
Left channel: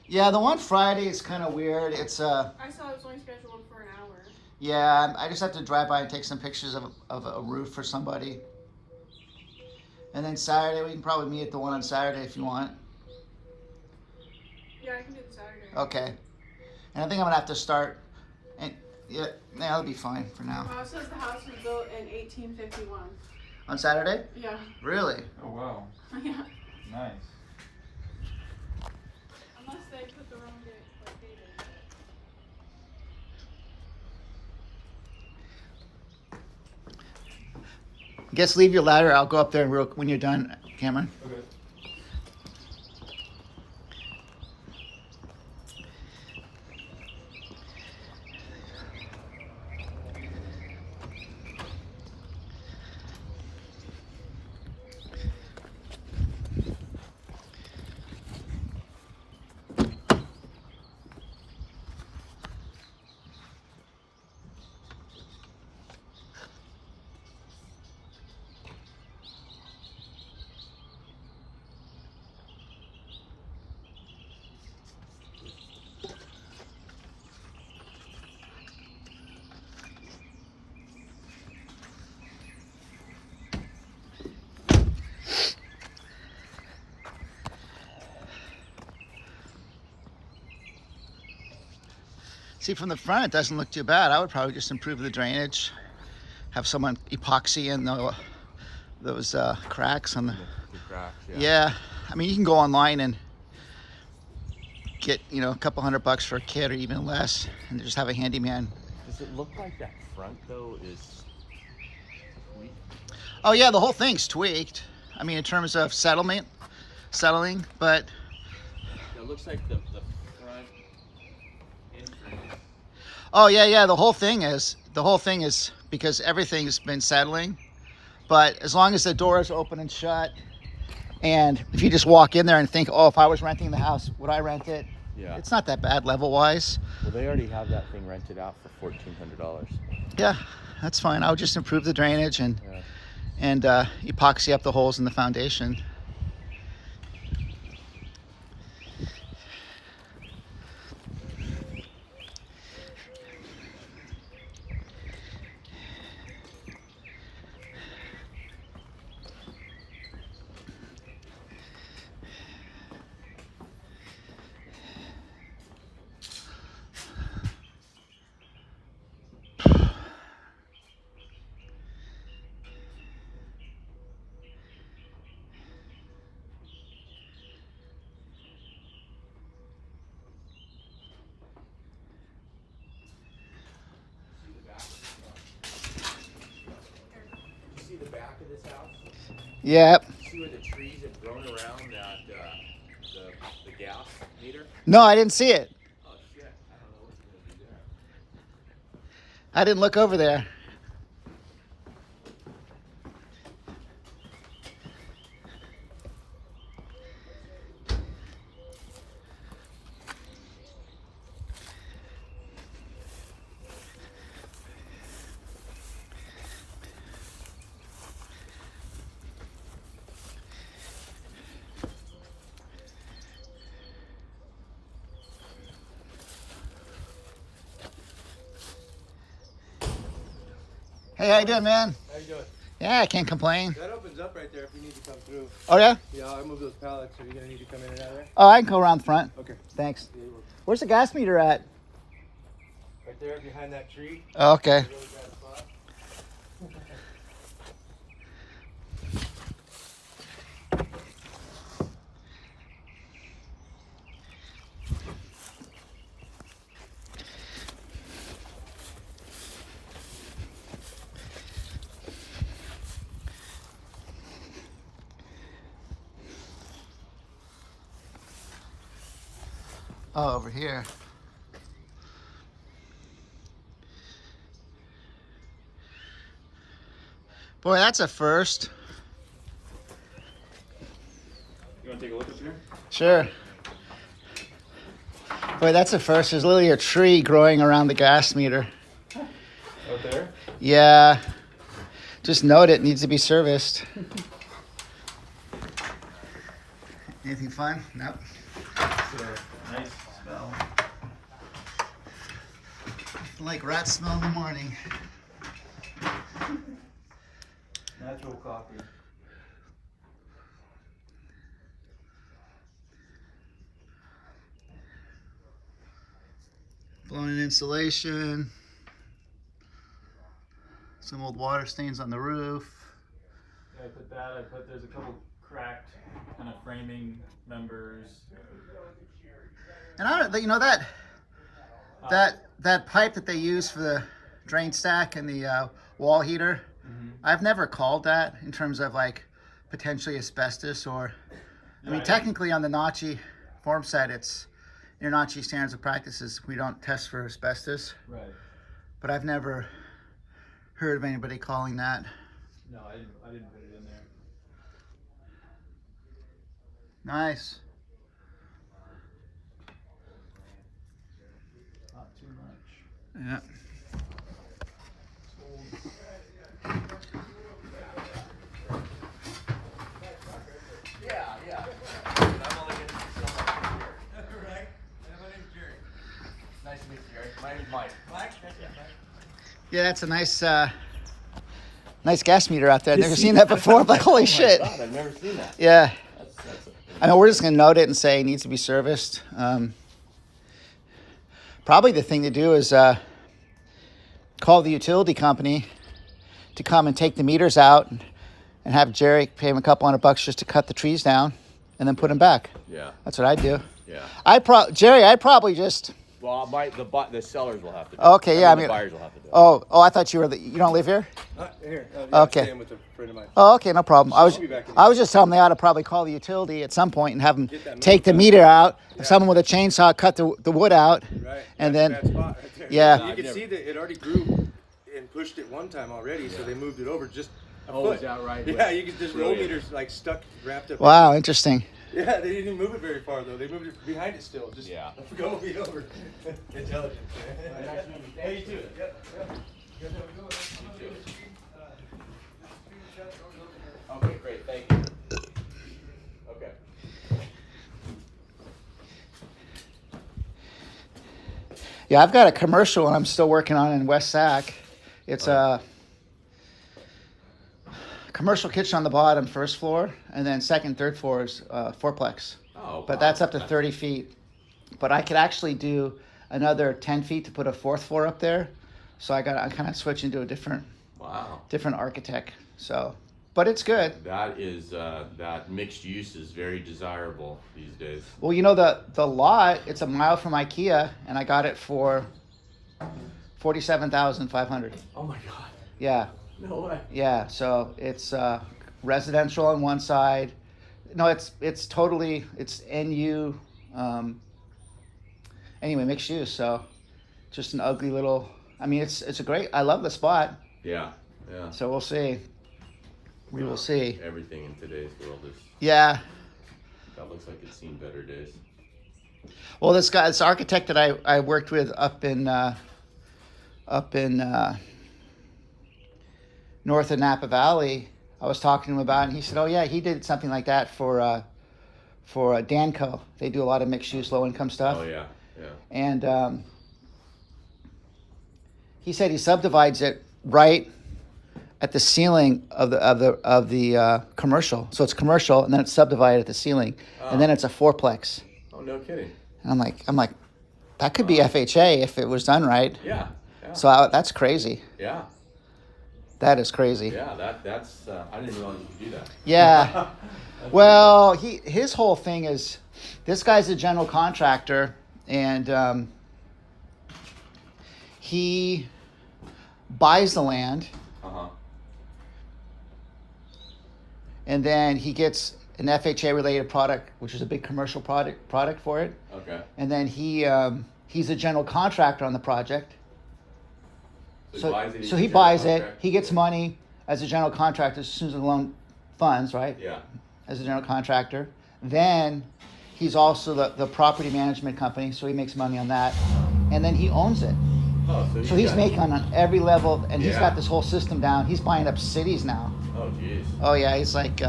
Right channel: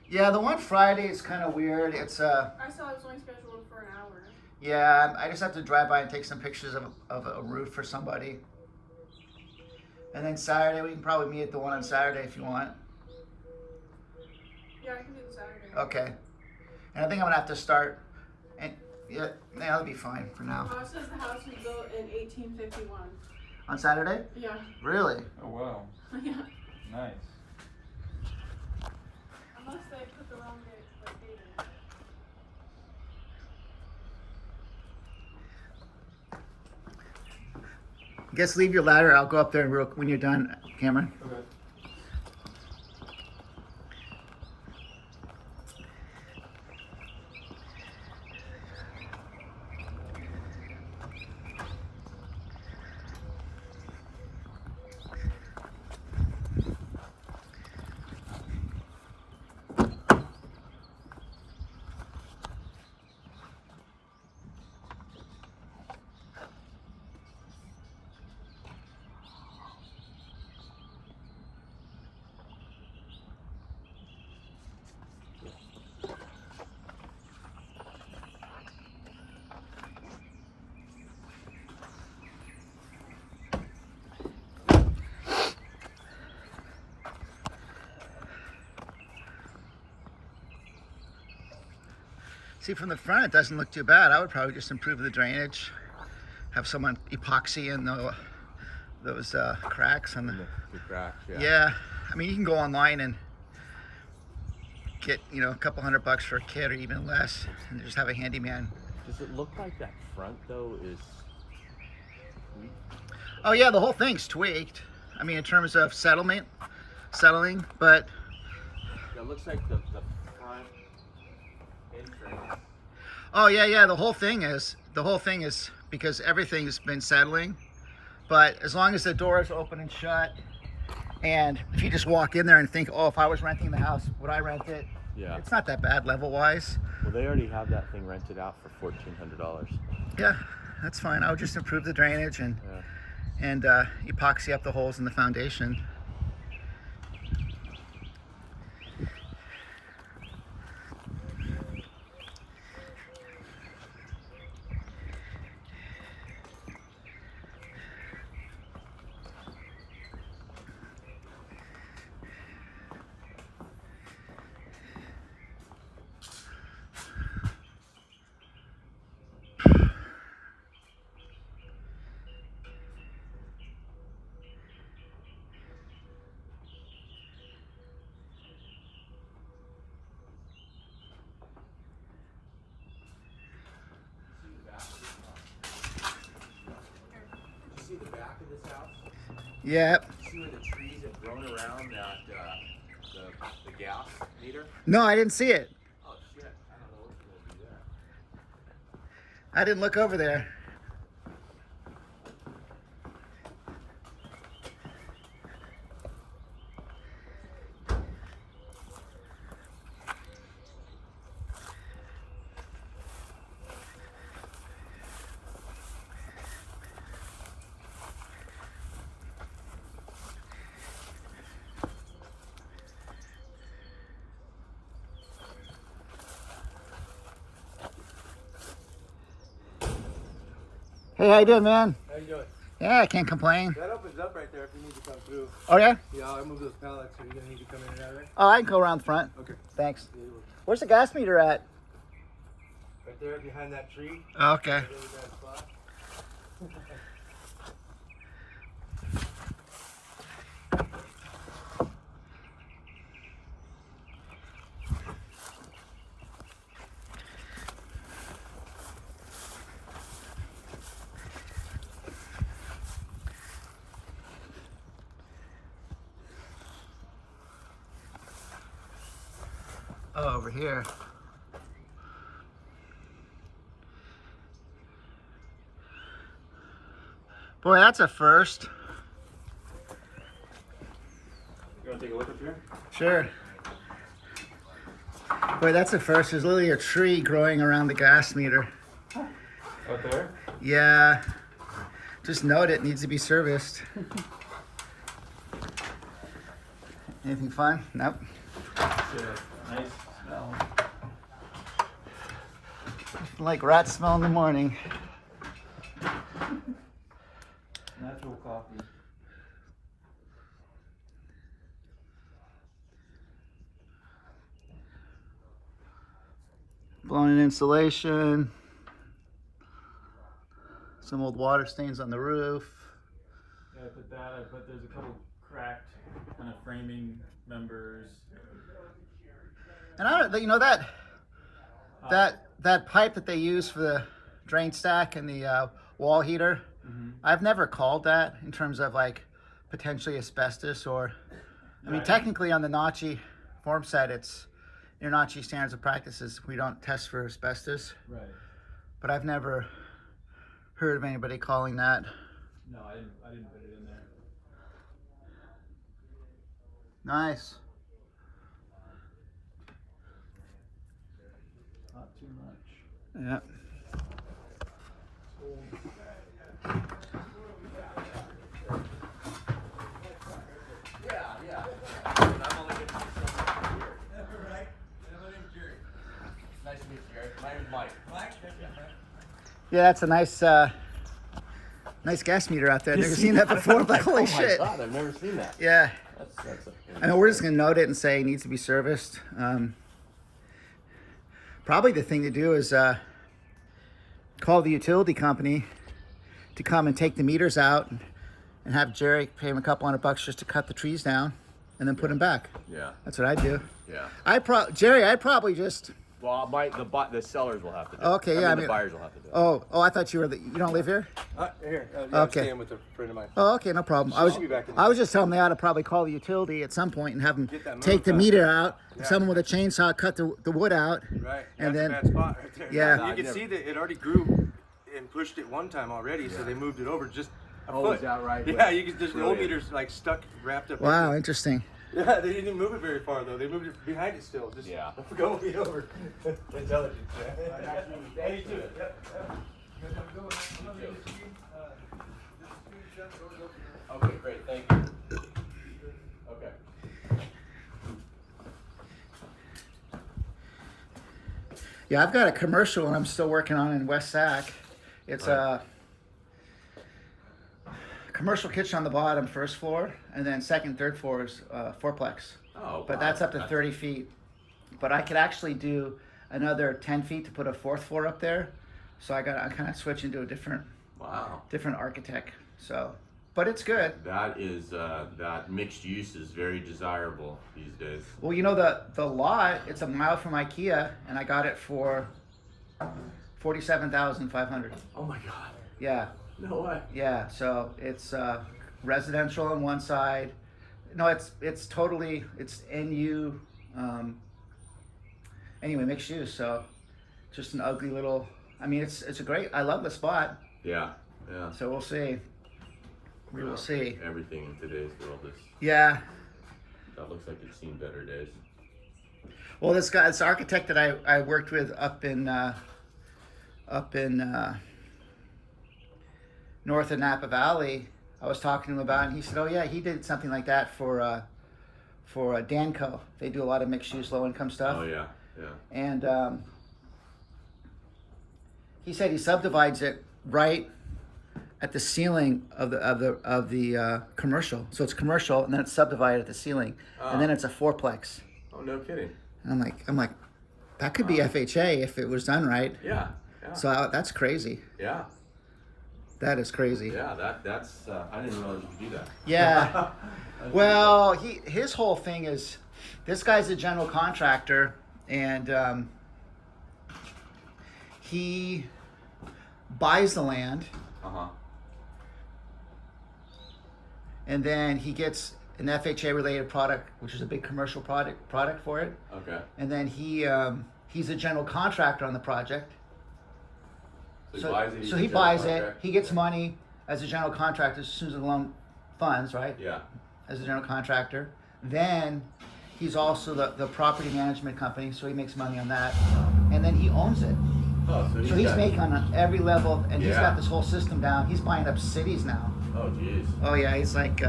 Yeah, the one Friday is kind of weird. It's I saw it was only scheduled for an hour. yeah, I just have to drive by and take some pictures of a roof for somebody. And then Saturday, we can probably meet at the one on Saturday if you want. Yeah, I can do the Saturday. Okay. And I think I'm gonna have to start. And yeah, that'll be fine for now. The house says the house was built in 1851. On Saturday? Yeah. Really? Oh wow, Yeah. nice. Unless they put the wrong date for dating. Guess leave your ladder. I'll go up there when you're done, Cameron. Okay. See, from the front, it doesn't look too bad. I would probably just improve the drainage, have someone epoxy in those cracks on the. The cracks, Yeah, I mean, you can go online and get, you know, a couple $100 for a kit or even less, and just have a handyman. Does it look like that front though is weak? Oh yeah, the whole thing's tweaked. I mean, in terms of settling, but It looks like the front entrance. oh yeah, the whole thing is because everything's been settling. But as long as the door is open and shut, and if you just walk in there and think, oh, if I was renting the house, would I rent it? Yeah. It's not that bad level-wise. Well, they already have that thing rented out for $1,400. Yeah, that's fine. I'll just improve the drainage and Yeah. epoxy up the holes in the foundation. You see the back of this house? Yep. See where the trees have grown around that the gas meter? No, I didn't see it. Oh shit! I don't know what's gonna be there. I didn't look over there. Hey, how you doing, man? How you doing? Yeah, I can't complain. That opens up right there if you need to come through. Oh yeah? Yeah, I'll move those pallets. Are you gonna need to come in and out of there? Oh, I can go around the front. Okay. Thanks. Where's the gas meter at? Right there behind that tree. Oh, okay. Oh, over here. Boy, that's a first. a look up here? Sure. Boy, that's a first. There's literally a tree growing around the gas meter. Out there? Yeah. Just note it needs to be serviced. Anything fun? Nope. It's a nice smell. Like rat smell in the morning. Natural coffee. Blown in insulation. Some old water stains on the roof. Yeah, I put that. There's a couple cracked kind of framing members. And I don't, you know that pipe that they use for the drain stack and the wall heater. Mm-hmm. I've never called that in terms of like potentially asbestos or. I mean, technically on the Nachi form set, it's in Nachi standards of practices. We don't test for asbestos. Right. But I've never heard of anybody calling that. No, I didn't put it in there. Nice. Not too much. Yeah. Nice to meet you, Jerry. My name's Mike. Mike? Yeah, that's a nice gas meter out there. I've never seen that before, but holy shit. God, I've never seen that. Yeah. That's I know we're just gonna note it and say it needs to be serviced. Probably the thing to do is call the utility company to come and take the meters out and have Jerry pay him a couple $100 just to cut the trees down and then put them back. yeah, That's what I'd do. yeah. Jerry, I'd probably just. Well, the sellers will have to do Okay, it. yeah, I The mean- buyers will have to do it. Oh, I thought you were you don't live here? Here. Okay. I'm staying with a friend of mine. Oh, okay, no problem. I'll be back in I was just telling them they ought to probably call the utility at some point and have them Get that take the moved meter out. Yeah. Someone with a chainsaw cut the wood out. Right. And That's then- a bad spot right there. Yeah. You can see that it already grew and pushed it one time already, so they moved it over just a Oh, foot. is that right? Yeah, you can just the old Brilliant. meter's like stuck, wrapped up. Wow, interesting. Yeah, they didn't even move it very far though. They moved it behind it still. Just Yeah. go over. Intelligence. Yeah, you too. Yep. Okay, great. Thank you. Okay. Yeah, I've got a commercial and I'm still working on in West Sac. It's a commercial kitchen on the bottom, first floor, and then second, third floor is fourplex. Oh, But that's up to 30 feet. But I could actually do another 10 feet to put a fourth floor up there. So I'm kind of switching to a different architect. So, but it's good. That is that mixed use is very desirable these days. Well, you know the lot, it's a mile from IKEA, and I got it for $47,500. Oh my God. Yeah, No way. yeah. So it's residential on one side. No, it's totally NU. Anyway, mixed use. So just an ugly little. I mean, it's a great. I love the spot. Yeah. Yeah. So we'll see. We will see. Everything in today's world is. Yeah. That looks like it's seen better days. Well, this architect that I worked with up in north of Napa Valley, I was talking to him about, and he said, "Oh yeah, he did something like that for Danco. They do a lot of mixed use, low income stuff." Oh yeah. Yeah. And he said he subdivides it right at the ceiling of the commercial. So it's commercial, and then it's subdivided at the ceiling, and then it's a fourplex. Oh, no kidding. And I'm like, that could be FHA if it was done right. Yeah. Yeah. So that's crazy. Yeah. That is crazy. Yeah. That's. I didn't realize you could do that. Yeah. Well, his whole thing is, this guy's a general contractor, and he buys the land, Uh-huh. and then he gets an FHA related product, which is a big commercial product for it. Okay. And then he's a general contractor on the project. So he buys it. So he buys it. He gets money as a general contractor as soon as the loan funds, right? Yeah. As a general contractor. Then he's also the property management company, so he makes money on that. And then he owns it. Oh, So he's got- making on every level, and he's Yeah. got this whole system down. He's buying up cities now. Oh, jeez. Oh yeah, he's like,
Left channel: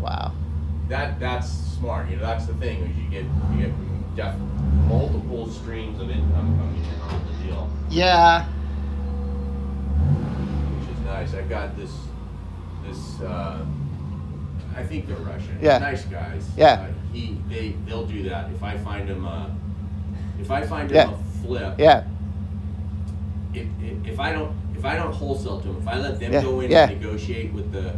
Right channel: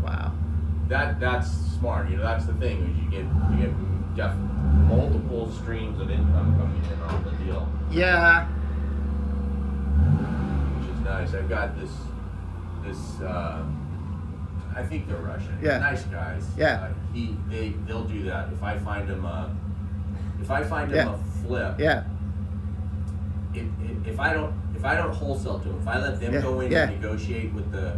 wow. That's smart. You know, that's the thing. Is you get multiple streams of income coming in off the deal, Yeah. which is nice. I've got this. I think they're Russian. Yeah. Nice guys. Yeah. They'll do that. If I find them a Yeah. flip. Yeah. If I don't wholesale to them, if I let them Yeah. go in Yeah. and negotiate with the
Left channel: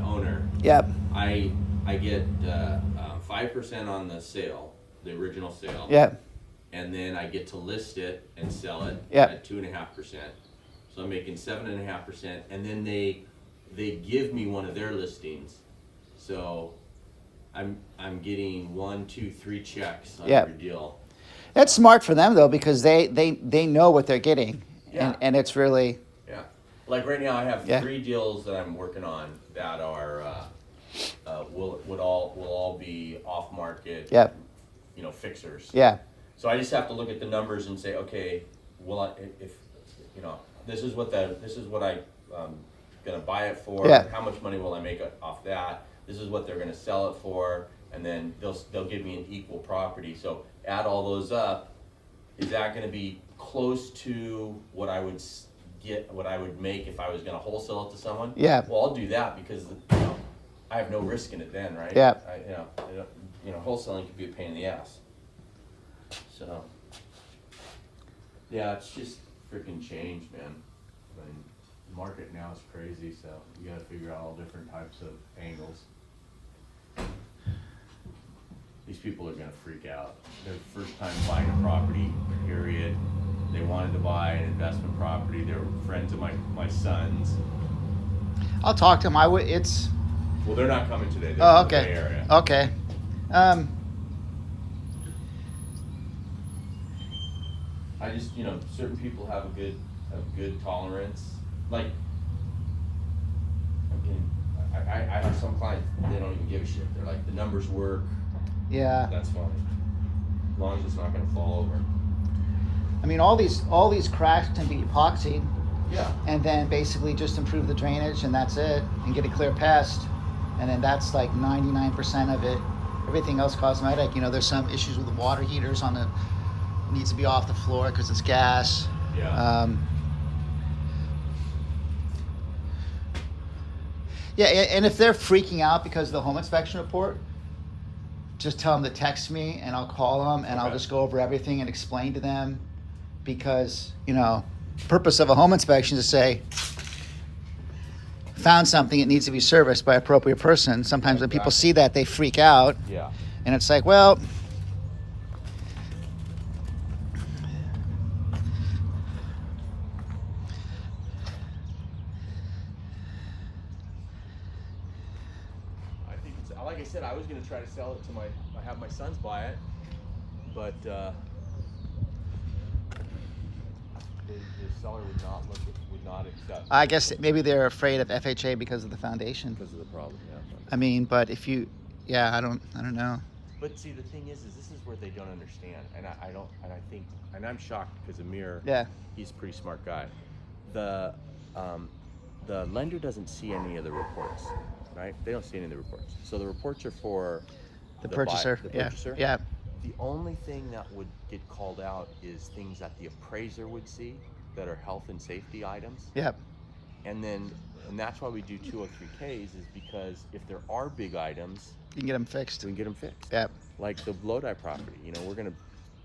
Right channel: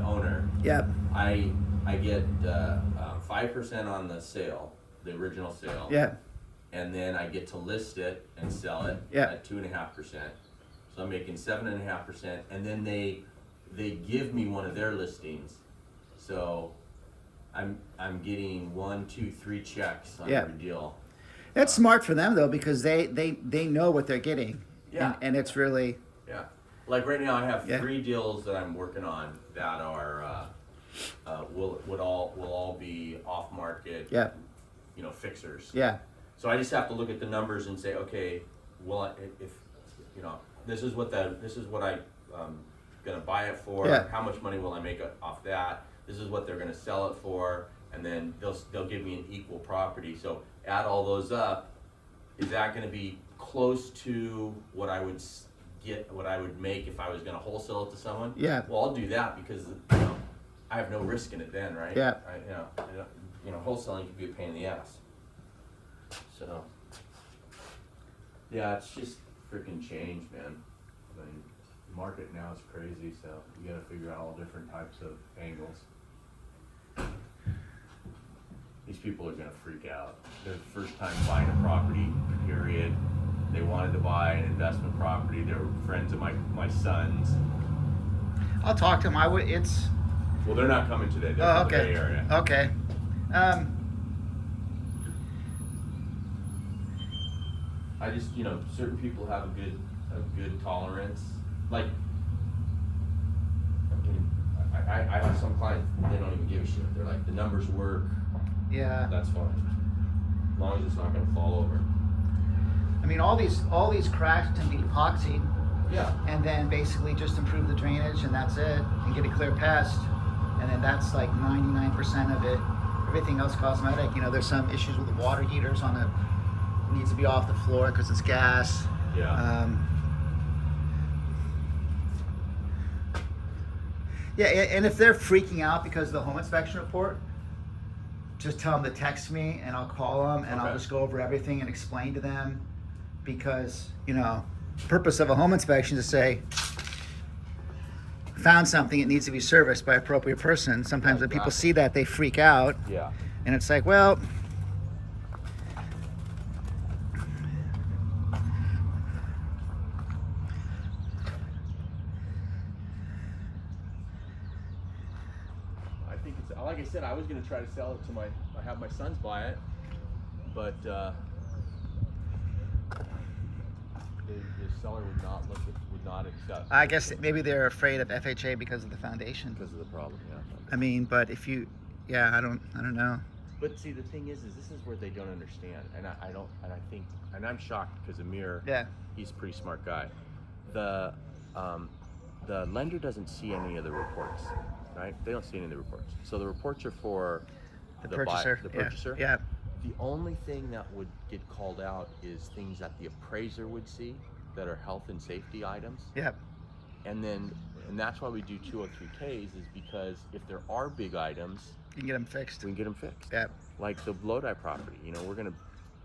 owner, Yep. I get 5% on the sale, the original sale. Yeah. And then I get to list it and sell it Yep. at 2.5%. So I'm making 7.5%, and then they give me one of their listings. So I'm getting 1, 2, 3 checks on Yep. every deal. That's smart for them though, because they know what they're getting. Yeah. And it's really, Yeah. Like right now, I have Yeah. 3 deals that I'm working on that are will all be off market. Yeah. You know, fixers. yeah. So I just have to look at the numbers and say, okay, well, if you know, this is what I gonna buy it for. Yeah. How much money will I make off that? This is what they're gonna sell it for, and then they'll give me an equal property. So add all those up. Is that gonna be close to what I would make if I was gonna wholesale it to someone? Yeah. Well, I'll do that because I have no risk in it then, right? Yeah. Wholesaling could be a pain in the ass. So, yeah, it's just freaking change, man. I mean, the market now is crazy, so you gotta figure out all different types of angles. These people are gonna freak out. Their first time buying a property, period. They wanted to buy an investment property. They're friends of my son's. I'll talk to him. It's, Well, they're not coming today. They're oh, from the okay. Bay Area. Okay. I just, certain people have a good tolerance. Like, I have some clients, they don't even give a shit. They're like, the numbers work, Yeah. that's fine. As long as it's not gonna fall over. I mean, all these cracks can be epoxy, Yeah. and then basically just improve the drainage, and that's it, and get a clear pest, and then that's like 99% of it. Everything else cosmetic. There's some issues with the water heaters on the, needs to be off the floor because it's gas. Yeah. Yeah, and if they're freaking out because of the home inspection report, just tell them to text me and I'll call them and I'll Okay. just go over everything and explain to them, because purpose of a home inspection is to say, found something, it needs to be serviced by appropriate person. Sometimes when people see that, they freak out, Yeah. and it's like, well, I think it's, like I said, I was gonna try to sell it to have my sons buy it, but, the seller would not accept. I guess that maybe they're afraid of FHA because of the foundation. Because of the problem, yeah. I mean, but if you, I don't know. But see, the thing is this is where they don't understand, and I think, and I'm shocked because Amir, Yeah. he's a pretty smart guy. The lender doesn't see any of the reports, right? They don't see any of the reports. So the reports are for The purchaser. Yeah. Yeah. The only thing that would get called out is things that the appraiser would see that are health and safety items. Yeah. And that's why we do 203Ks, is because if there are big items, You can get them fixed. we can get them fixed. Yeah. Like the Lodi property, we're gonna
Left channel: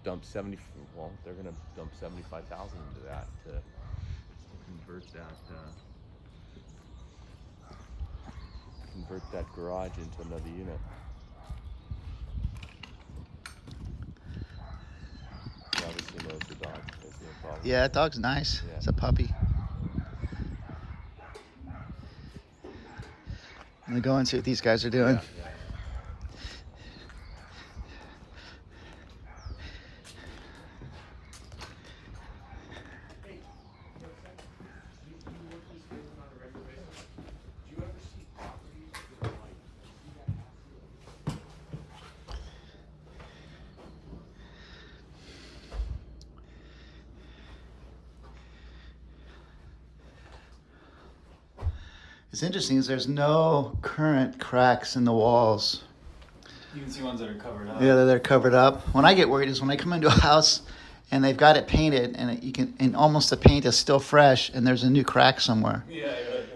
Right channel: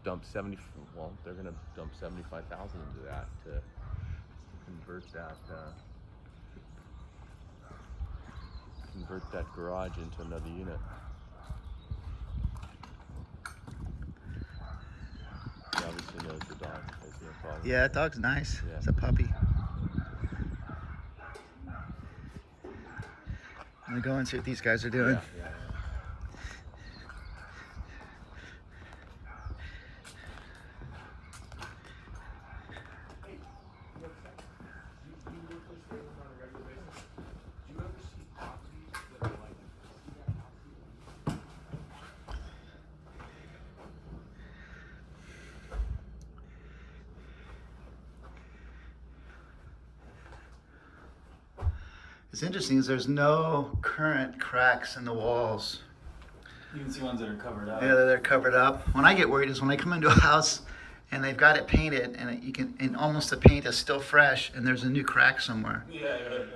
dump they're gonna dump 75,000 into that to convert that garage into another unit. He obviously knows the dog. That's the problem. Yeah, that dog's nice. Yeah. It's a puppy. I'm gonna go and see what these guys are doing. Yeah. What's interesting is there's no current cracks in the walls. You can see ones that are covered up. Yeah, they're covered up. When I get worried is when I come into a house and they've got it painted and almost the paint is still fresh and there's a new crack somewhere. Yeah.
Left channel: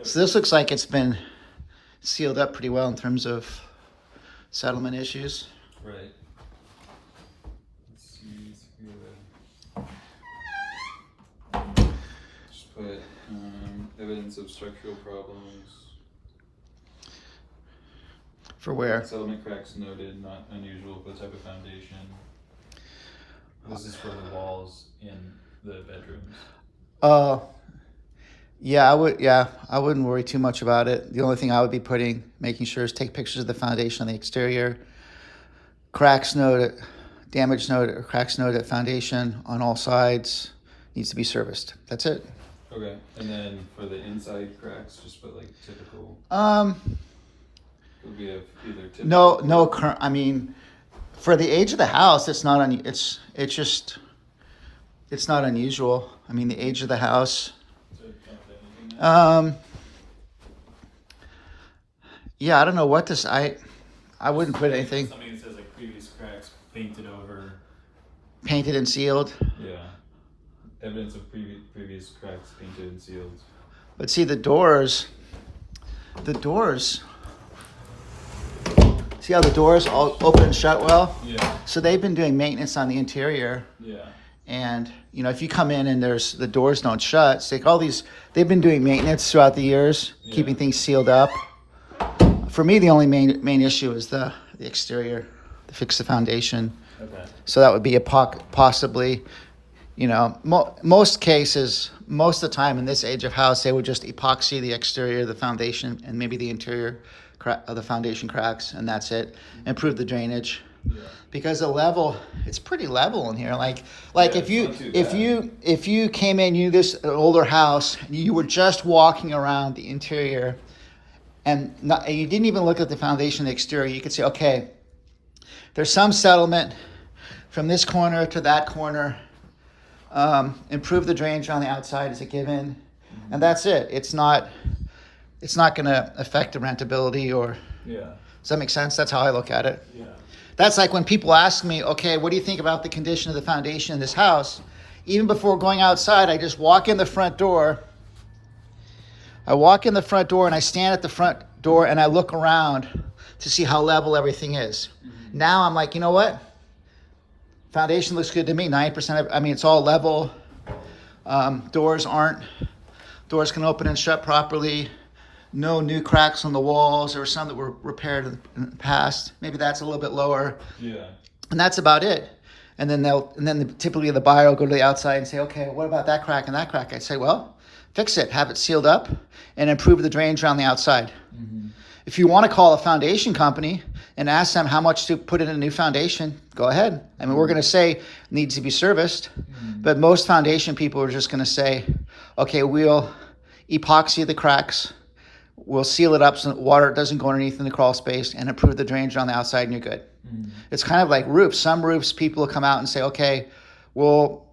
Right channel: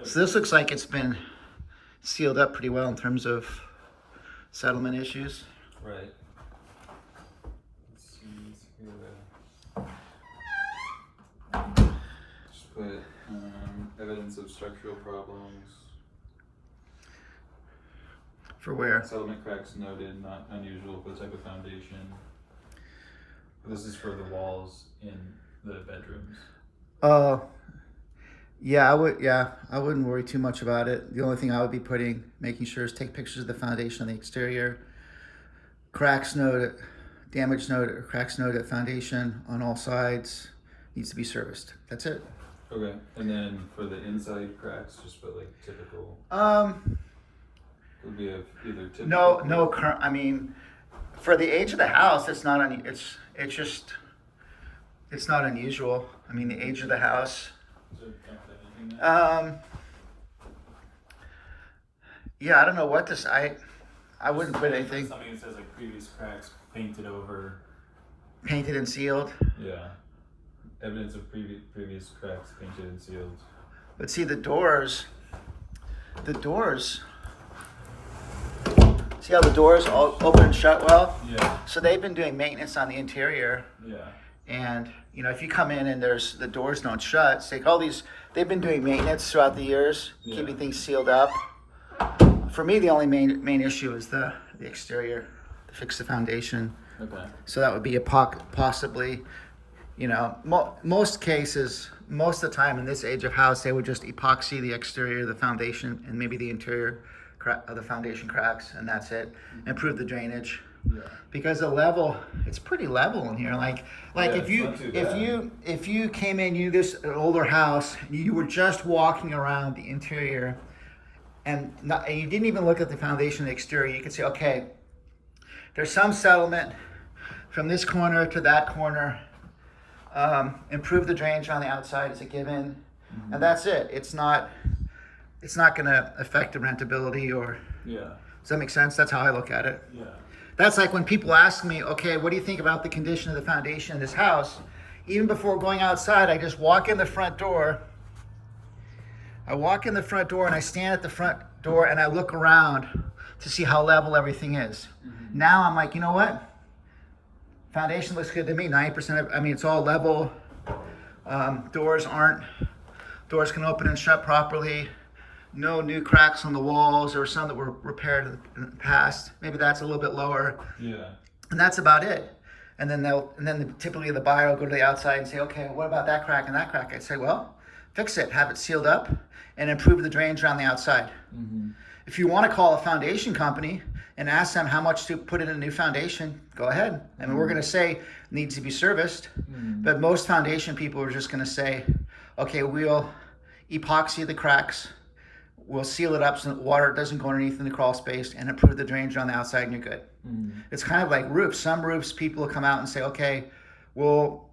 So this looks like it's been sealed up pretty well in terms of settlement issues. Right. Let's see. Just put evidence of structural problems. For where? Settlement cracks noted, not unusual for the type of foundation. This is for the walls in the bedrooms. Yeah, I wouldn't worry too much about it. The only thing I would be making sure is take pictures of the foundation on the exterior, cracks noted, damage noted, or cracks noted at foundation on all sides, needs to be serviced. That's it. Okay, and then for the inside cracks, just put like typical. Would be either typical. No current. I mean, for the age of the house, it's not it's not unusual. I mean, the age of the house. Yeah, I don't know what this. I wouldn't put anything. Something that says like previous cracks painted over. Painted and sealed. Yeah. Evidence of previous cracks painted and sealed. But see the doors. See how the doors all open and shut well? Yeah. So they've been doing maintenance on the interior. Yeah. And you know, if you come in and the doors don't shut, it's like all these. They've been doing maintenance throughout the years, keeping things sealed up. For me, the only main issue is the exterior, to fix the foundation. Okay. So that would be possibly, you know, most cases, most of the time in this age of house, they would just epoxy the exterior, the foundation, and maybe the interior of the foundation cracks, and that's it. Improve the drainage. Yeah. Because the level, it's pretty level in here. Like Yeah, if you came in, you knew this an older house, you were just walking around the interior, and you didn't even look at the foundation, the exterior. You could say, okay, there's some settlement from this corner to that corner. Improve the drainage on the outside is a given, and that's it. It's not going to affect the rentability or. Yeah. Does that make sense? That's how I look at it. Yeah. That's like when people ask me, okay, what do you think about the condition of the foundation in this house? Even before going outside, I just walk in the front door. I walk in the front door and I stand at the front door and I look around to see how level everything is. Mm-hmm. Now I'm like, you know what? Foundation looks good to me. 90% of, I mean, it's all level. Doors can open and shut properly. No new cracks on the walls. There were some that were repaired in the past. Maybe that's a little bit lower. Yeah. And that's about it. And then typically the buyer will go to the outside and say, okay, what about that crack and that crack? I'd say, well, fix it, have it sealed up, and improve the drainage on the outside. Mm-hmm. If you want to call a foundation company and ask them how much to put in a new foundation, go ahead. I mean, we're going to say it needs to be serviced, but most foundation people are just going to say, okay, we'll epoxy the cracks. We'll seal it up so that water doesn't go underneath in the crawl space and improve the drainage on the outside and you're good. It's kind of like roofs. Some roofs people will come out and say, okay, we'll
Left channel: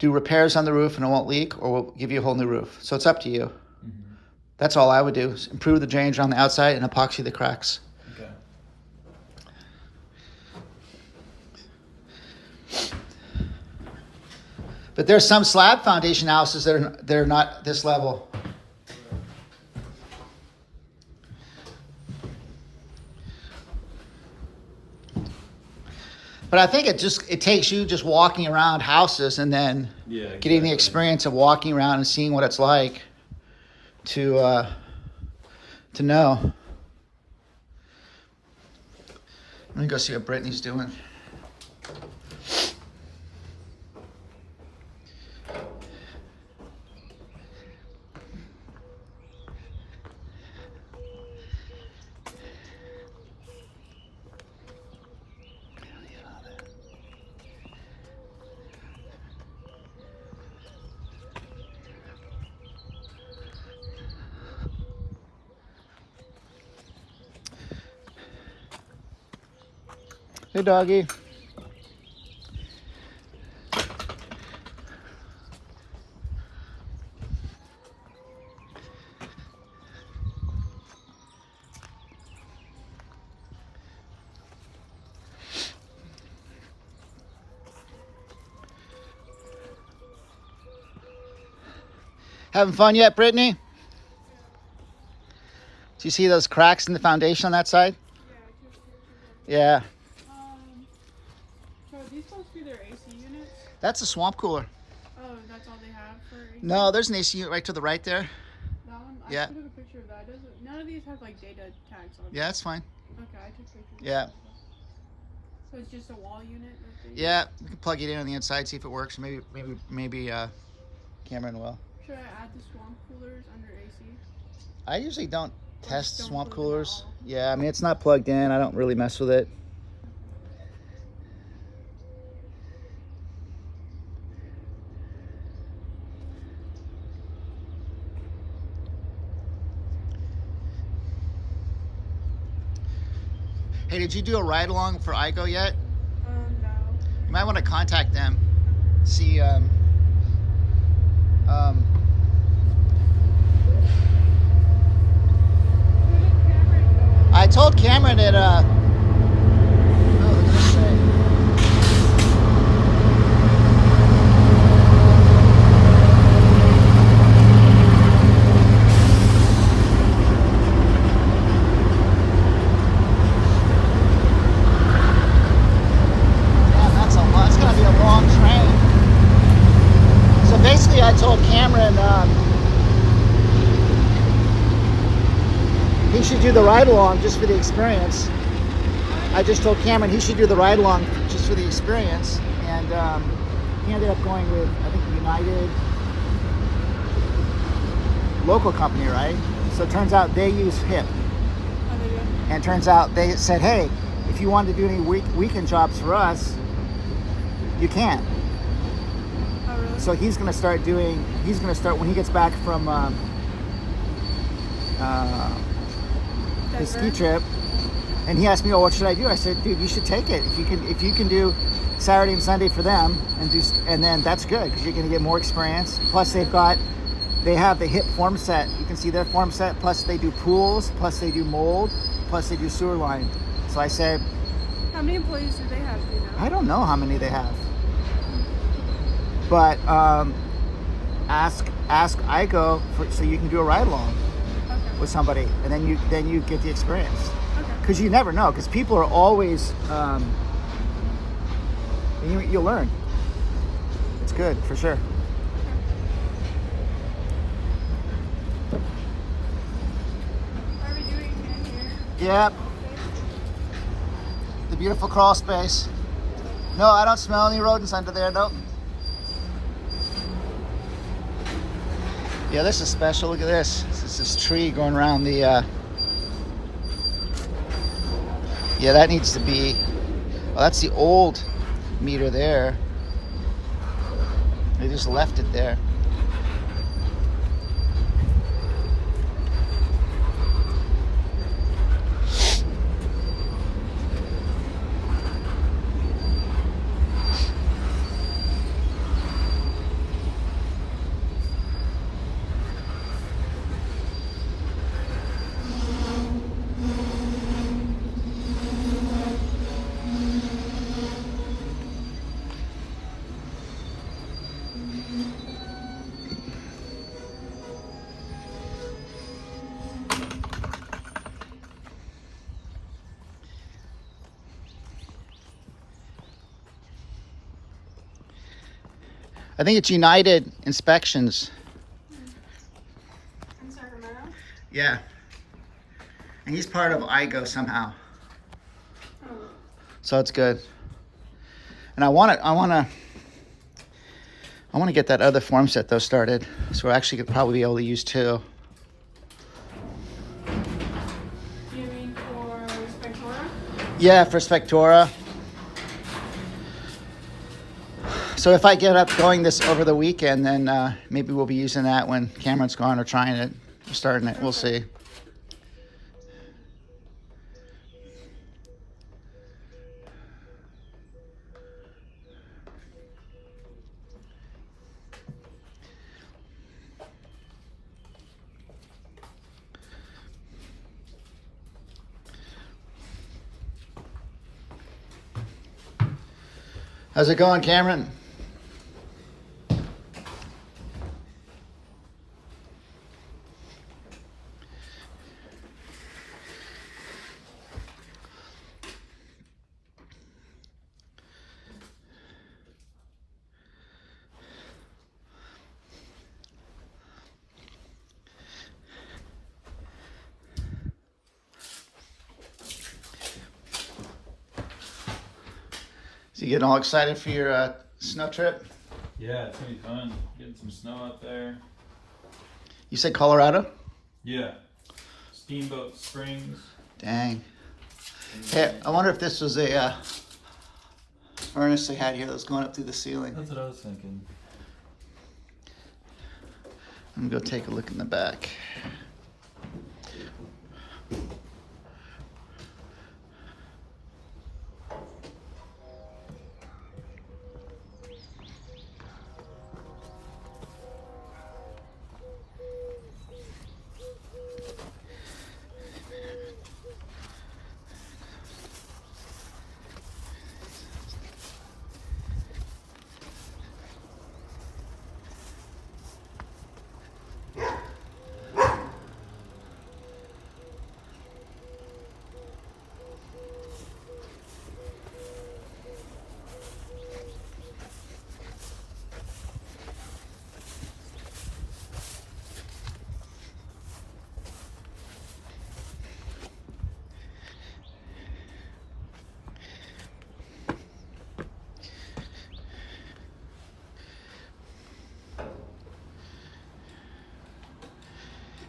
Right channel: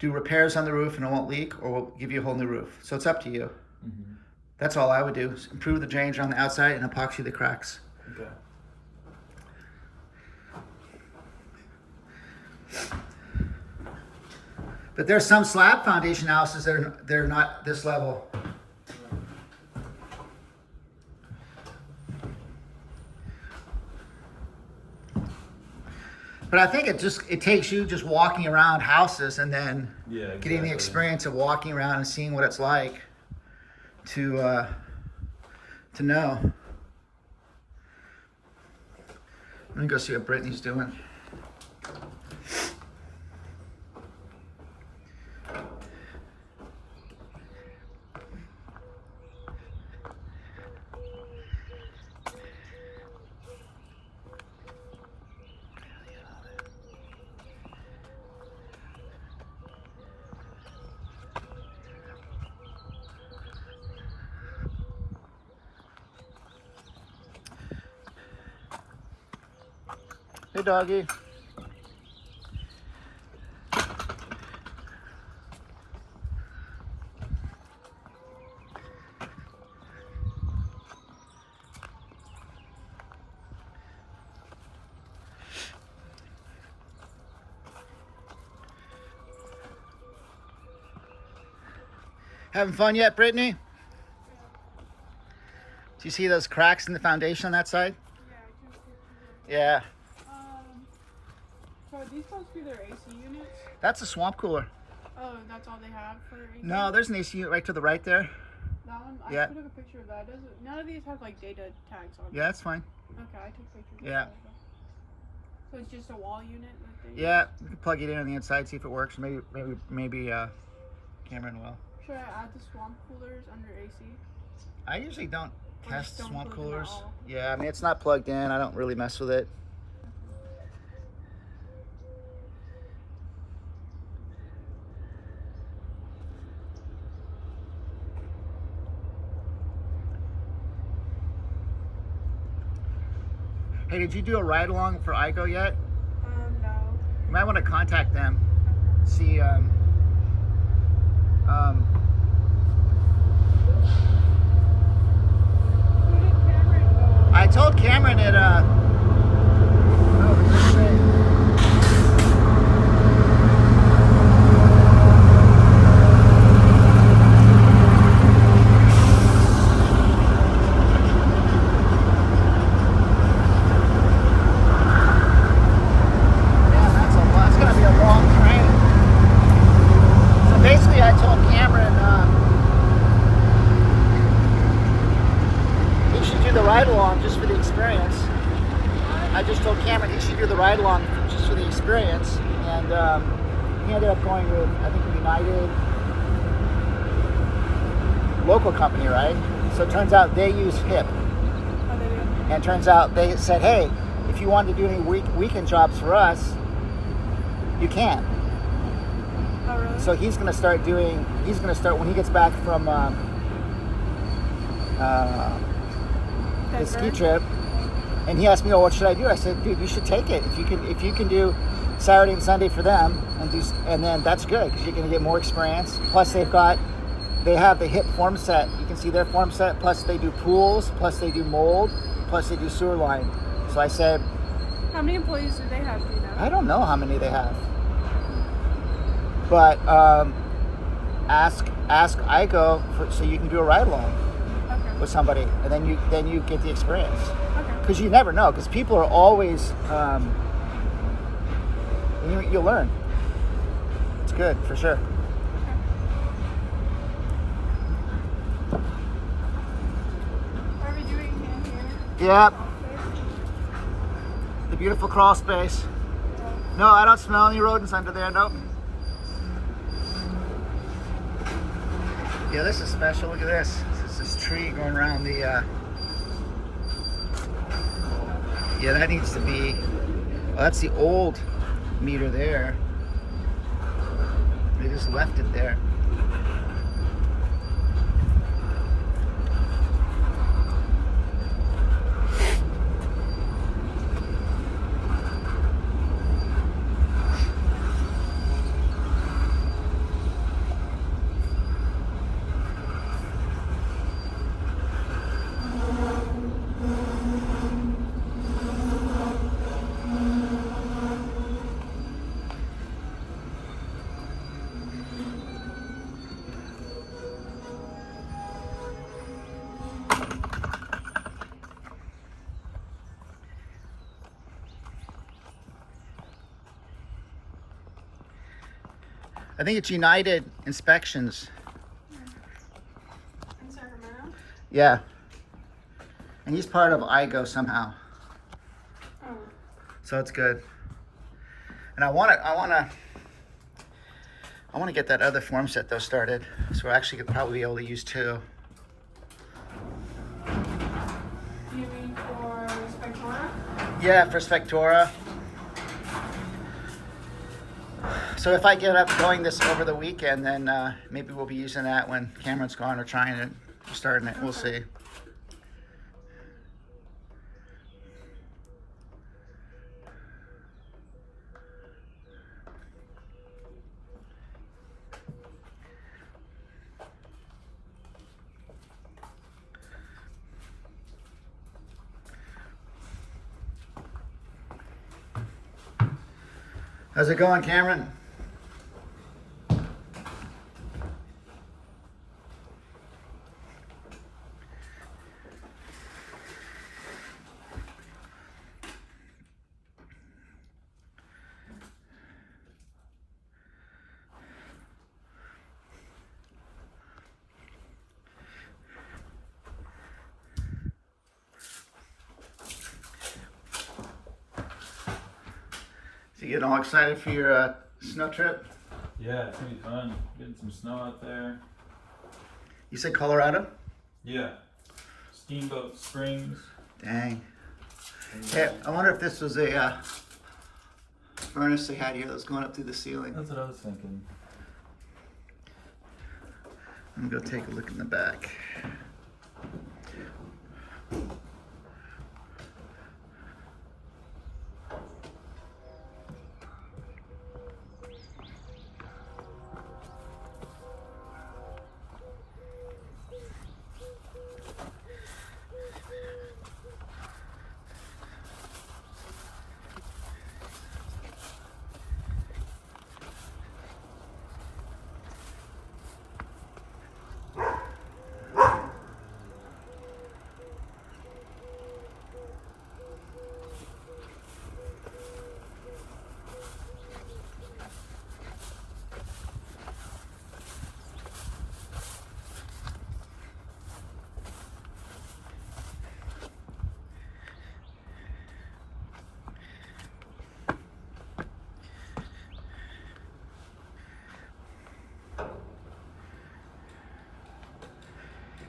do repairs on the roof and it won't leak, or we'll give you a whole new roof. So it's up to you. Mm-hmm. That's all I would do, is improve the drainage on the outside and epoxy the cracks. Okay. But there's some slab foundation houses that they're not this level. But I think it takes you just walking around houses and then getting the experience of walking around and seeing what it's like to know. Let me go see what Brittany's doing. Hey, doggy. Having fun yet, Brittany? Do you see those cracks in the foundation on that side? Yeah, I took pictures of it. Yeah. So are these supposed to be their AC units? That's a swamp cooler. Oh, that's all they have for AC? No, there's an AC unit right to the right there. That one? I Yeah. took a picture of that. None of these have like data tags on them. Yeah, that's fine. Okay, I took pictures Yeah. of all of them. So it's just a wall unit that they Yeah, you can plug it in on the inside, see if it works. Maybe Cameron will. Should I add the swamp coolers under AC? I usually don't Or test just don't swamp plug them at coolers. all? Yeah, I mean, it's not plugged in. I don't really mess with it. Hey, did you do a ride along for IGO yet? No. You might want to contact them. Okay. See, Who did Cameron go with? I told Cameron that, oh, let's see. That's gonna be a long train. So basically, I told Cameron he should do the ride along just for the experience. I just told Cameron he should do the ride along just for the experience, and he ended up going with, I think, United local company, right? So it turns out they use HIP, Oh, they do? and it turns out they said, hey, if you want to do any weekend jobs for us, you can. Oh, really? So he's going to start when he gets back from his ski Denver? trip, and he asked me, "Oh, what should I do?" I said, "Dude, you should take it. If you can do Saturday and Sunday for them, and then that's good because you're going to get more experience. Plus, they have the HIP form set. You can see their form set. Plus, they do pools. Plus, they do mold. Plus, they do sewer line. So I said, How many employees do they have, do you know? I don't know how many they have, but ask IGO so you can do a ride along Okay. with somebody, and then you get the experience. Okay. Because you never know, because people are always you'll learn. It's good for sure. What are we doing in here? Yep, Office? the beautiful crawl space. No, I don't smell any rodents under there. Nope. Yeah, this is special. Look at this. This is this tree going around the. Yeah, that needs to be. Oh, that's the old meter there. They just left it there. I think it's United Inspections. In Sacramento? Yeah. And he's part of IGO somehow. Oh. So it's good. And I want to get that other form set though started. So we're actually could probably be able to use two. You mean for Spectora? Yeah, for Spectora. So if I get up going this over the weekend, then maybe we'll be using that when Cameron's gone, or trying it, or starting it. We'll see. How's it going, Cameron? You getting all excited for your snow trip? Yeah, it's gonna be fun. Getting some snow out there. You said Colorado? Yeah. Steamboat Springs. Dang. And, Hey, I wonder if this was a furnace they had here that was going up through the ceiling. That's what I was thinking. I'm gonna go take a look in the back.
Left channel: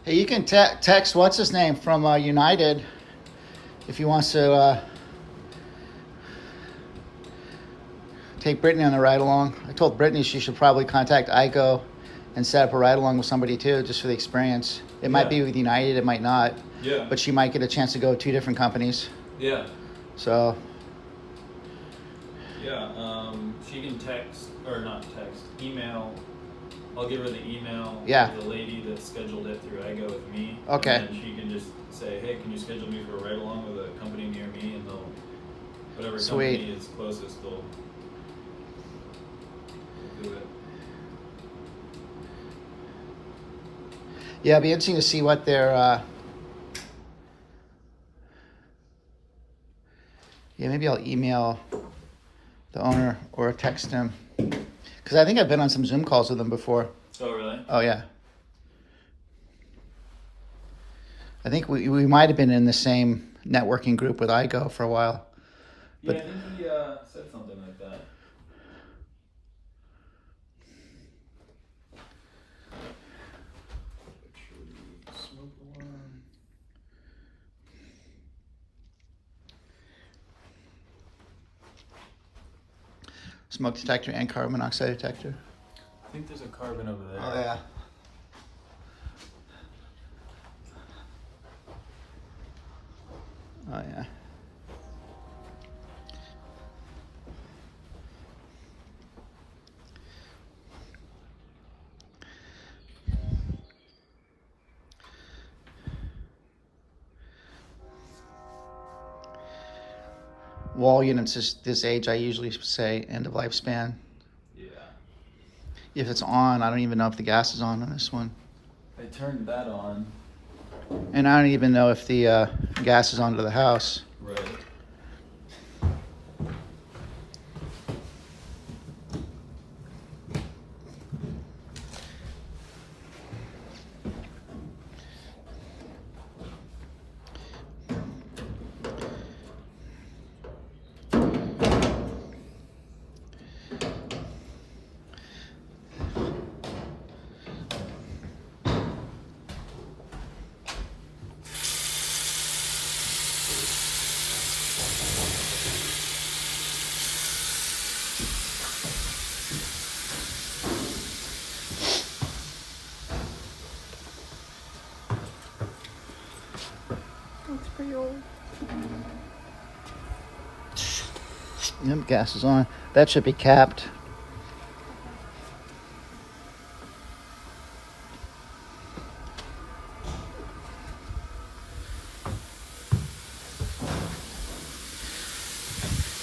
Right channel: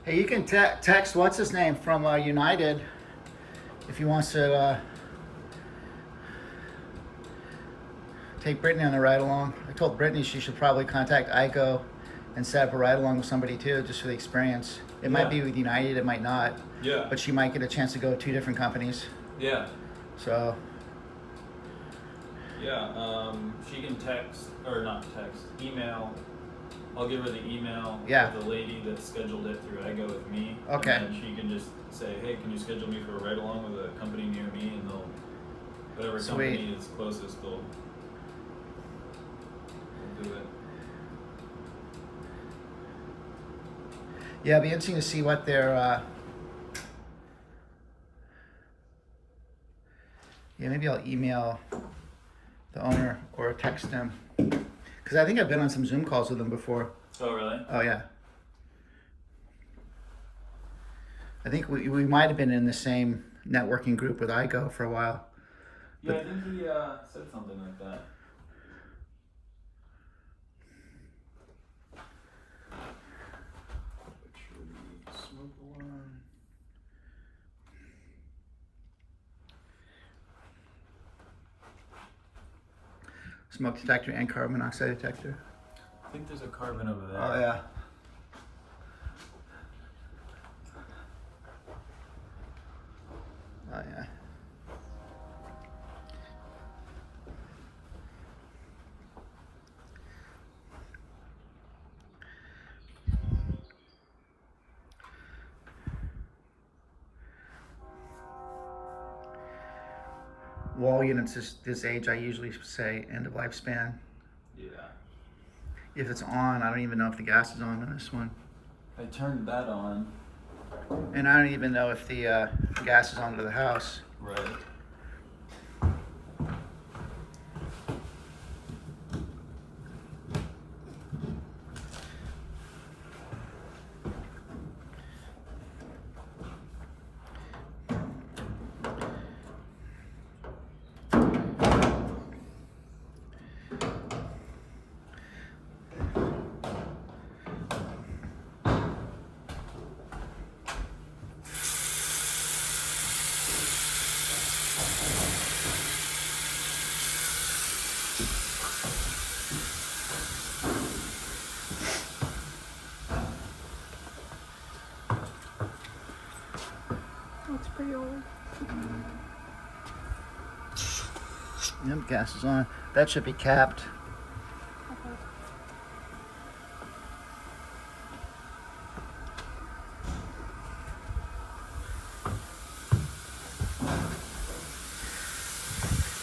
Hey, you can text what's his name from United if he wants to take Brittany on a ride along. I told Brittany she should probably contact Ico and set up a ride along with somebody too, just for the experience. It might be with United, it might not, Yeah. but she might get a chance to go to 2 different companies. Yeah. So Yeah. She can text or not text, email. I'll give her the email Yeah. of the lady that scheduled it through Ego with me. Okay. And then she can just say, hey, can you schedule me for a ride along with a company near me? And they'll, whatever Sweet. company is closest, they'll do it. yeah, it'd be interesting to see what their yeah, maybe I'll email the owner or text him. Because I think I've been on some Zoom calls with him before. Oh, really? Oh, yeah. I think we might have been in the same networking group with Ico for a while. Yeah, I think he said something like that. Smoke alarm. Smoke detector and carbon monoxide detector. I think there's a carbon over there. Oh, yeah. Oh, yeah. Wall units is this age, I usually say end of lifespan. Yeah. If it's on, I don't even know if the gas is on this one. I turned that on. And I don't even know if the gas is onto the house. Right. It's pretty old. Yep, gas is on. That should be capped.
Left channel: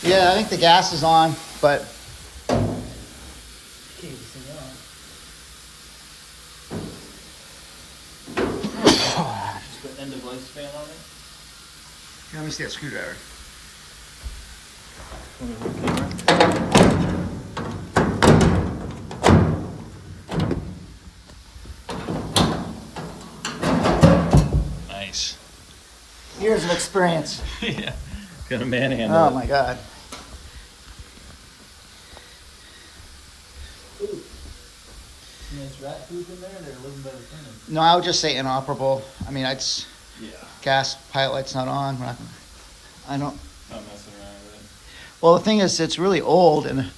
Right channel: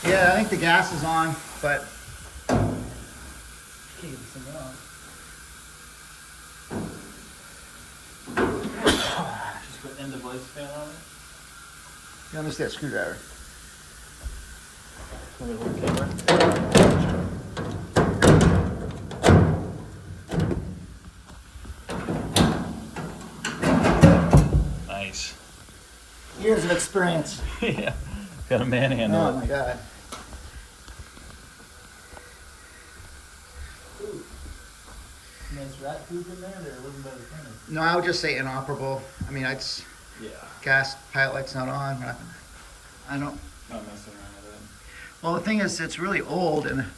Yeah, I think the gas is on, but keep this thing on. Just put end of lifespan on it. Let me see that screwdriver. Want me to hold the camera? Nice. Years of experience. Yeah. Got a manhandle. Oh my god. nice rat poop in there, they're living by the furnace. No, I would just say inoperable. I mean, it's Yeah. gas pilot light's not on. I don't. Not messing around with it. Well, the thing is, it's really old, and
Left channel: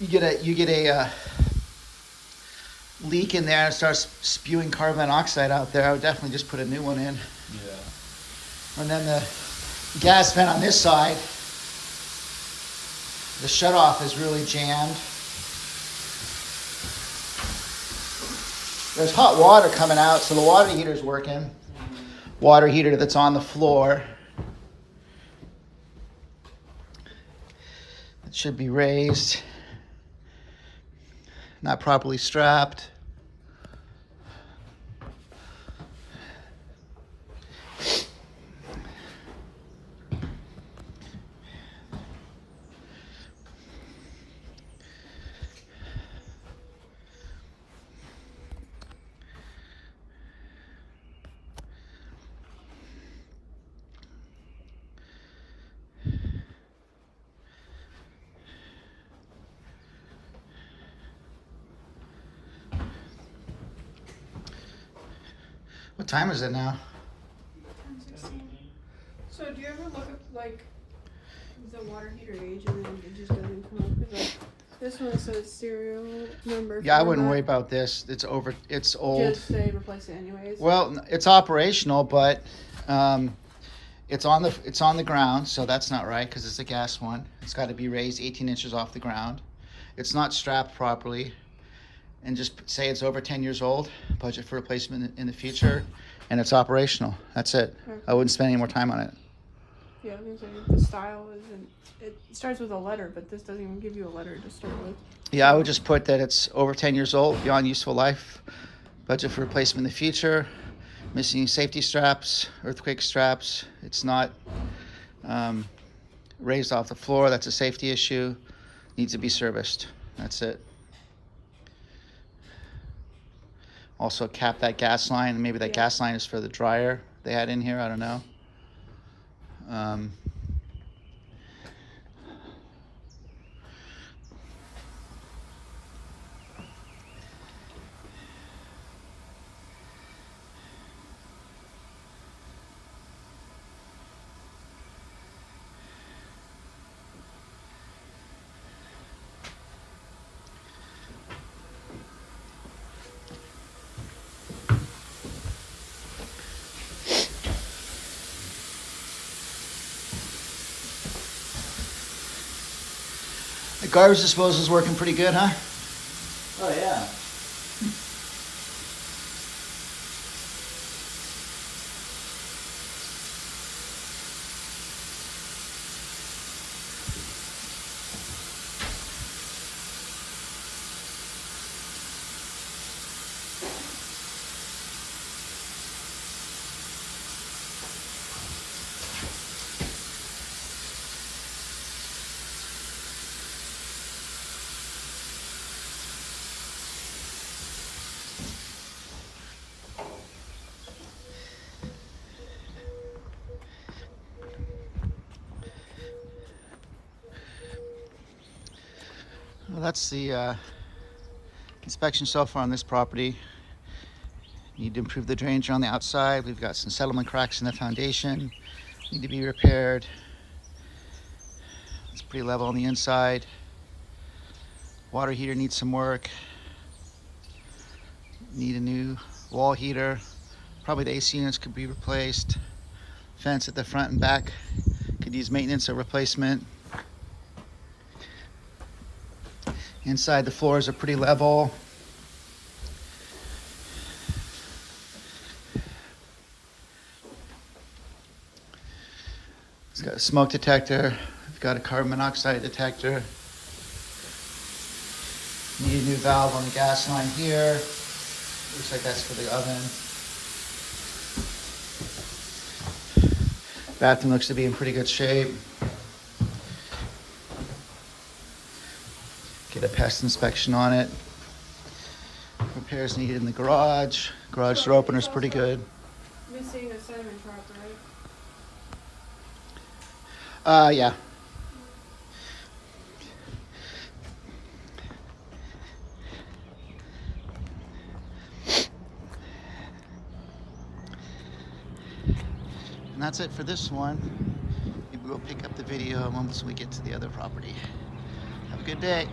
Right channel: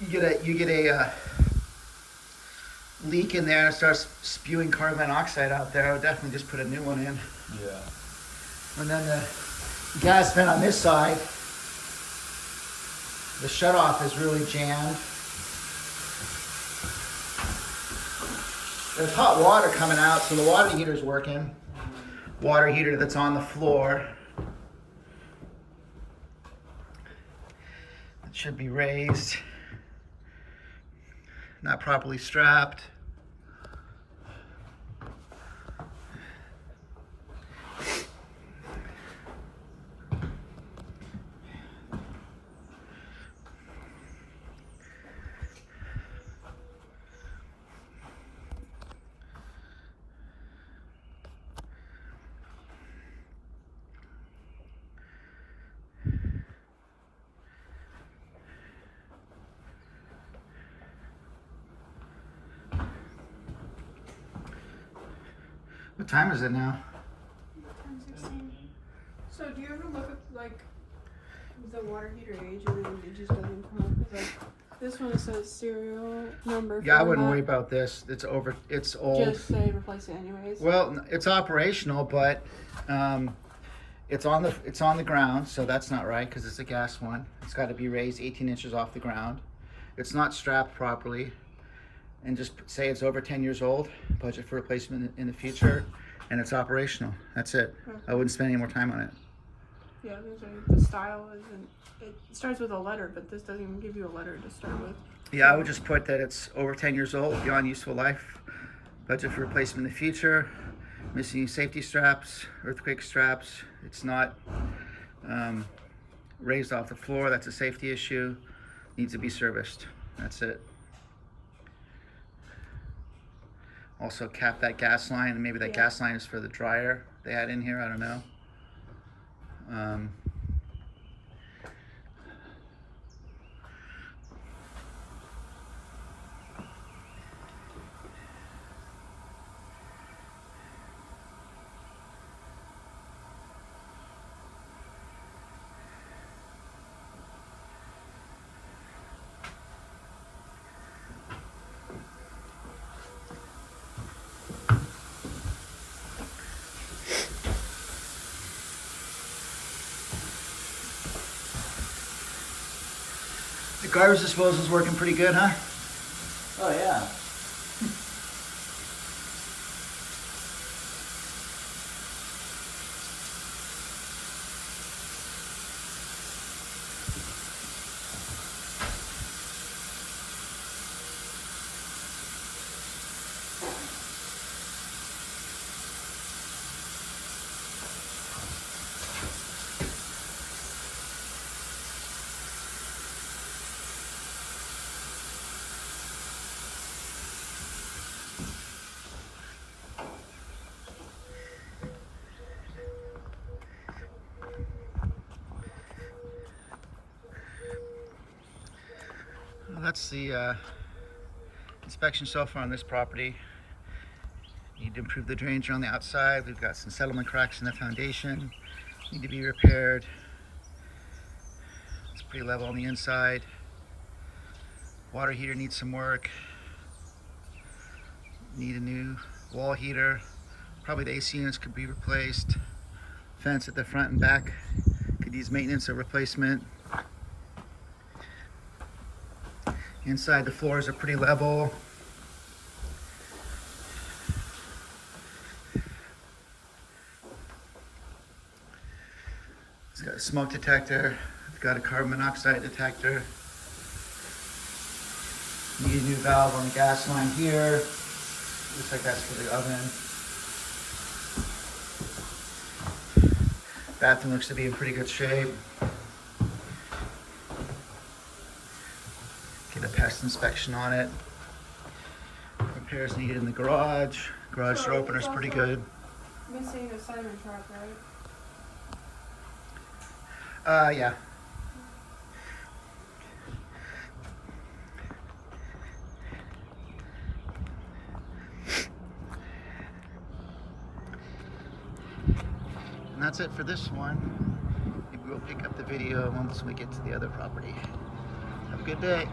you get a leak in there and it starts spewing carbon monoxide out there. I would definitely just put a new one in. Yeah. And then the gas vent on this side, the shutoff is really jammed. There's hot water coming out, so the water heater's working. Water heater that's on the floor. It should be raised. Not properly strapped. What time is it now? 10:16. So do you ever look at like the water heater age and then it just doesn't come up? 'Cause, like this one says serial number. Yeah, I wouldn't format. worry about this. It's old. Just say replace it anyways. Well, it's operational, but it's on the ground, so that's not right because it's a gas one. It's got to be raised 18 inches off the ground. It's not strapped properly, and just say it's over 10 years old. Budget for replacement in the future, and it's operational. That's it. Okay. I wouldn't spend any more time on it. Yeah, the style isn't. It starts with a letter, but this doesn't even give you a letter to start with. Yeah, I would just put that it's over 10 years old, beyond useful life. Budget for replacement in the future. Missing safety straps, earthquake straps. It's not raised off the floor. That's a safety issue. Needs to be serviced. That's it. Also cap that gas line. Maybe that gas line is for the dryer they had in here. I don't know. The garbage disposal is working pretty good, huh? Oh yeah. Well, that's the inspection so far on this property. Need to improve the drainage on the outside. We've got some settlement cracks in the foundation. Need to be repaired. It's pretty level on the inside. Water heater needs some work. Need a new wall heater. Probably the AC units could be replaced. Fence at the front and back could use maintenance or replacement. Inside the floors are pretty level. It's got a smoke detector. It's got a carbon monoxide detector. Need a new valve on the gas line here. Looks like that's for the oven. Bathroom looks to be in pretty good shape. Get a pest inspection on it. Repairs needed in the garage. Garage door opener's pretty good. Missing a sediment trap, right? Yeah. that's it for this one. Maybe we'll pick up the video once we get to the other property. Have a good day.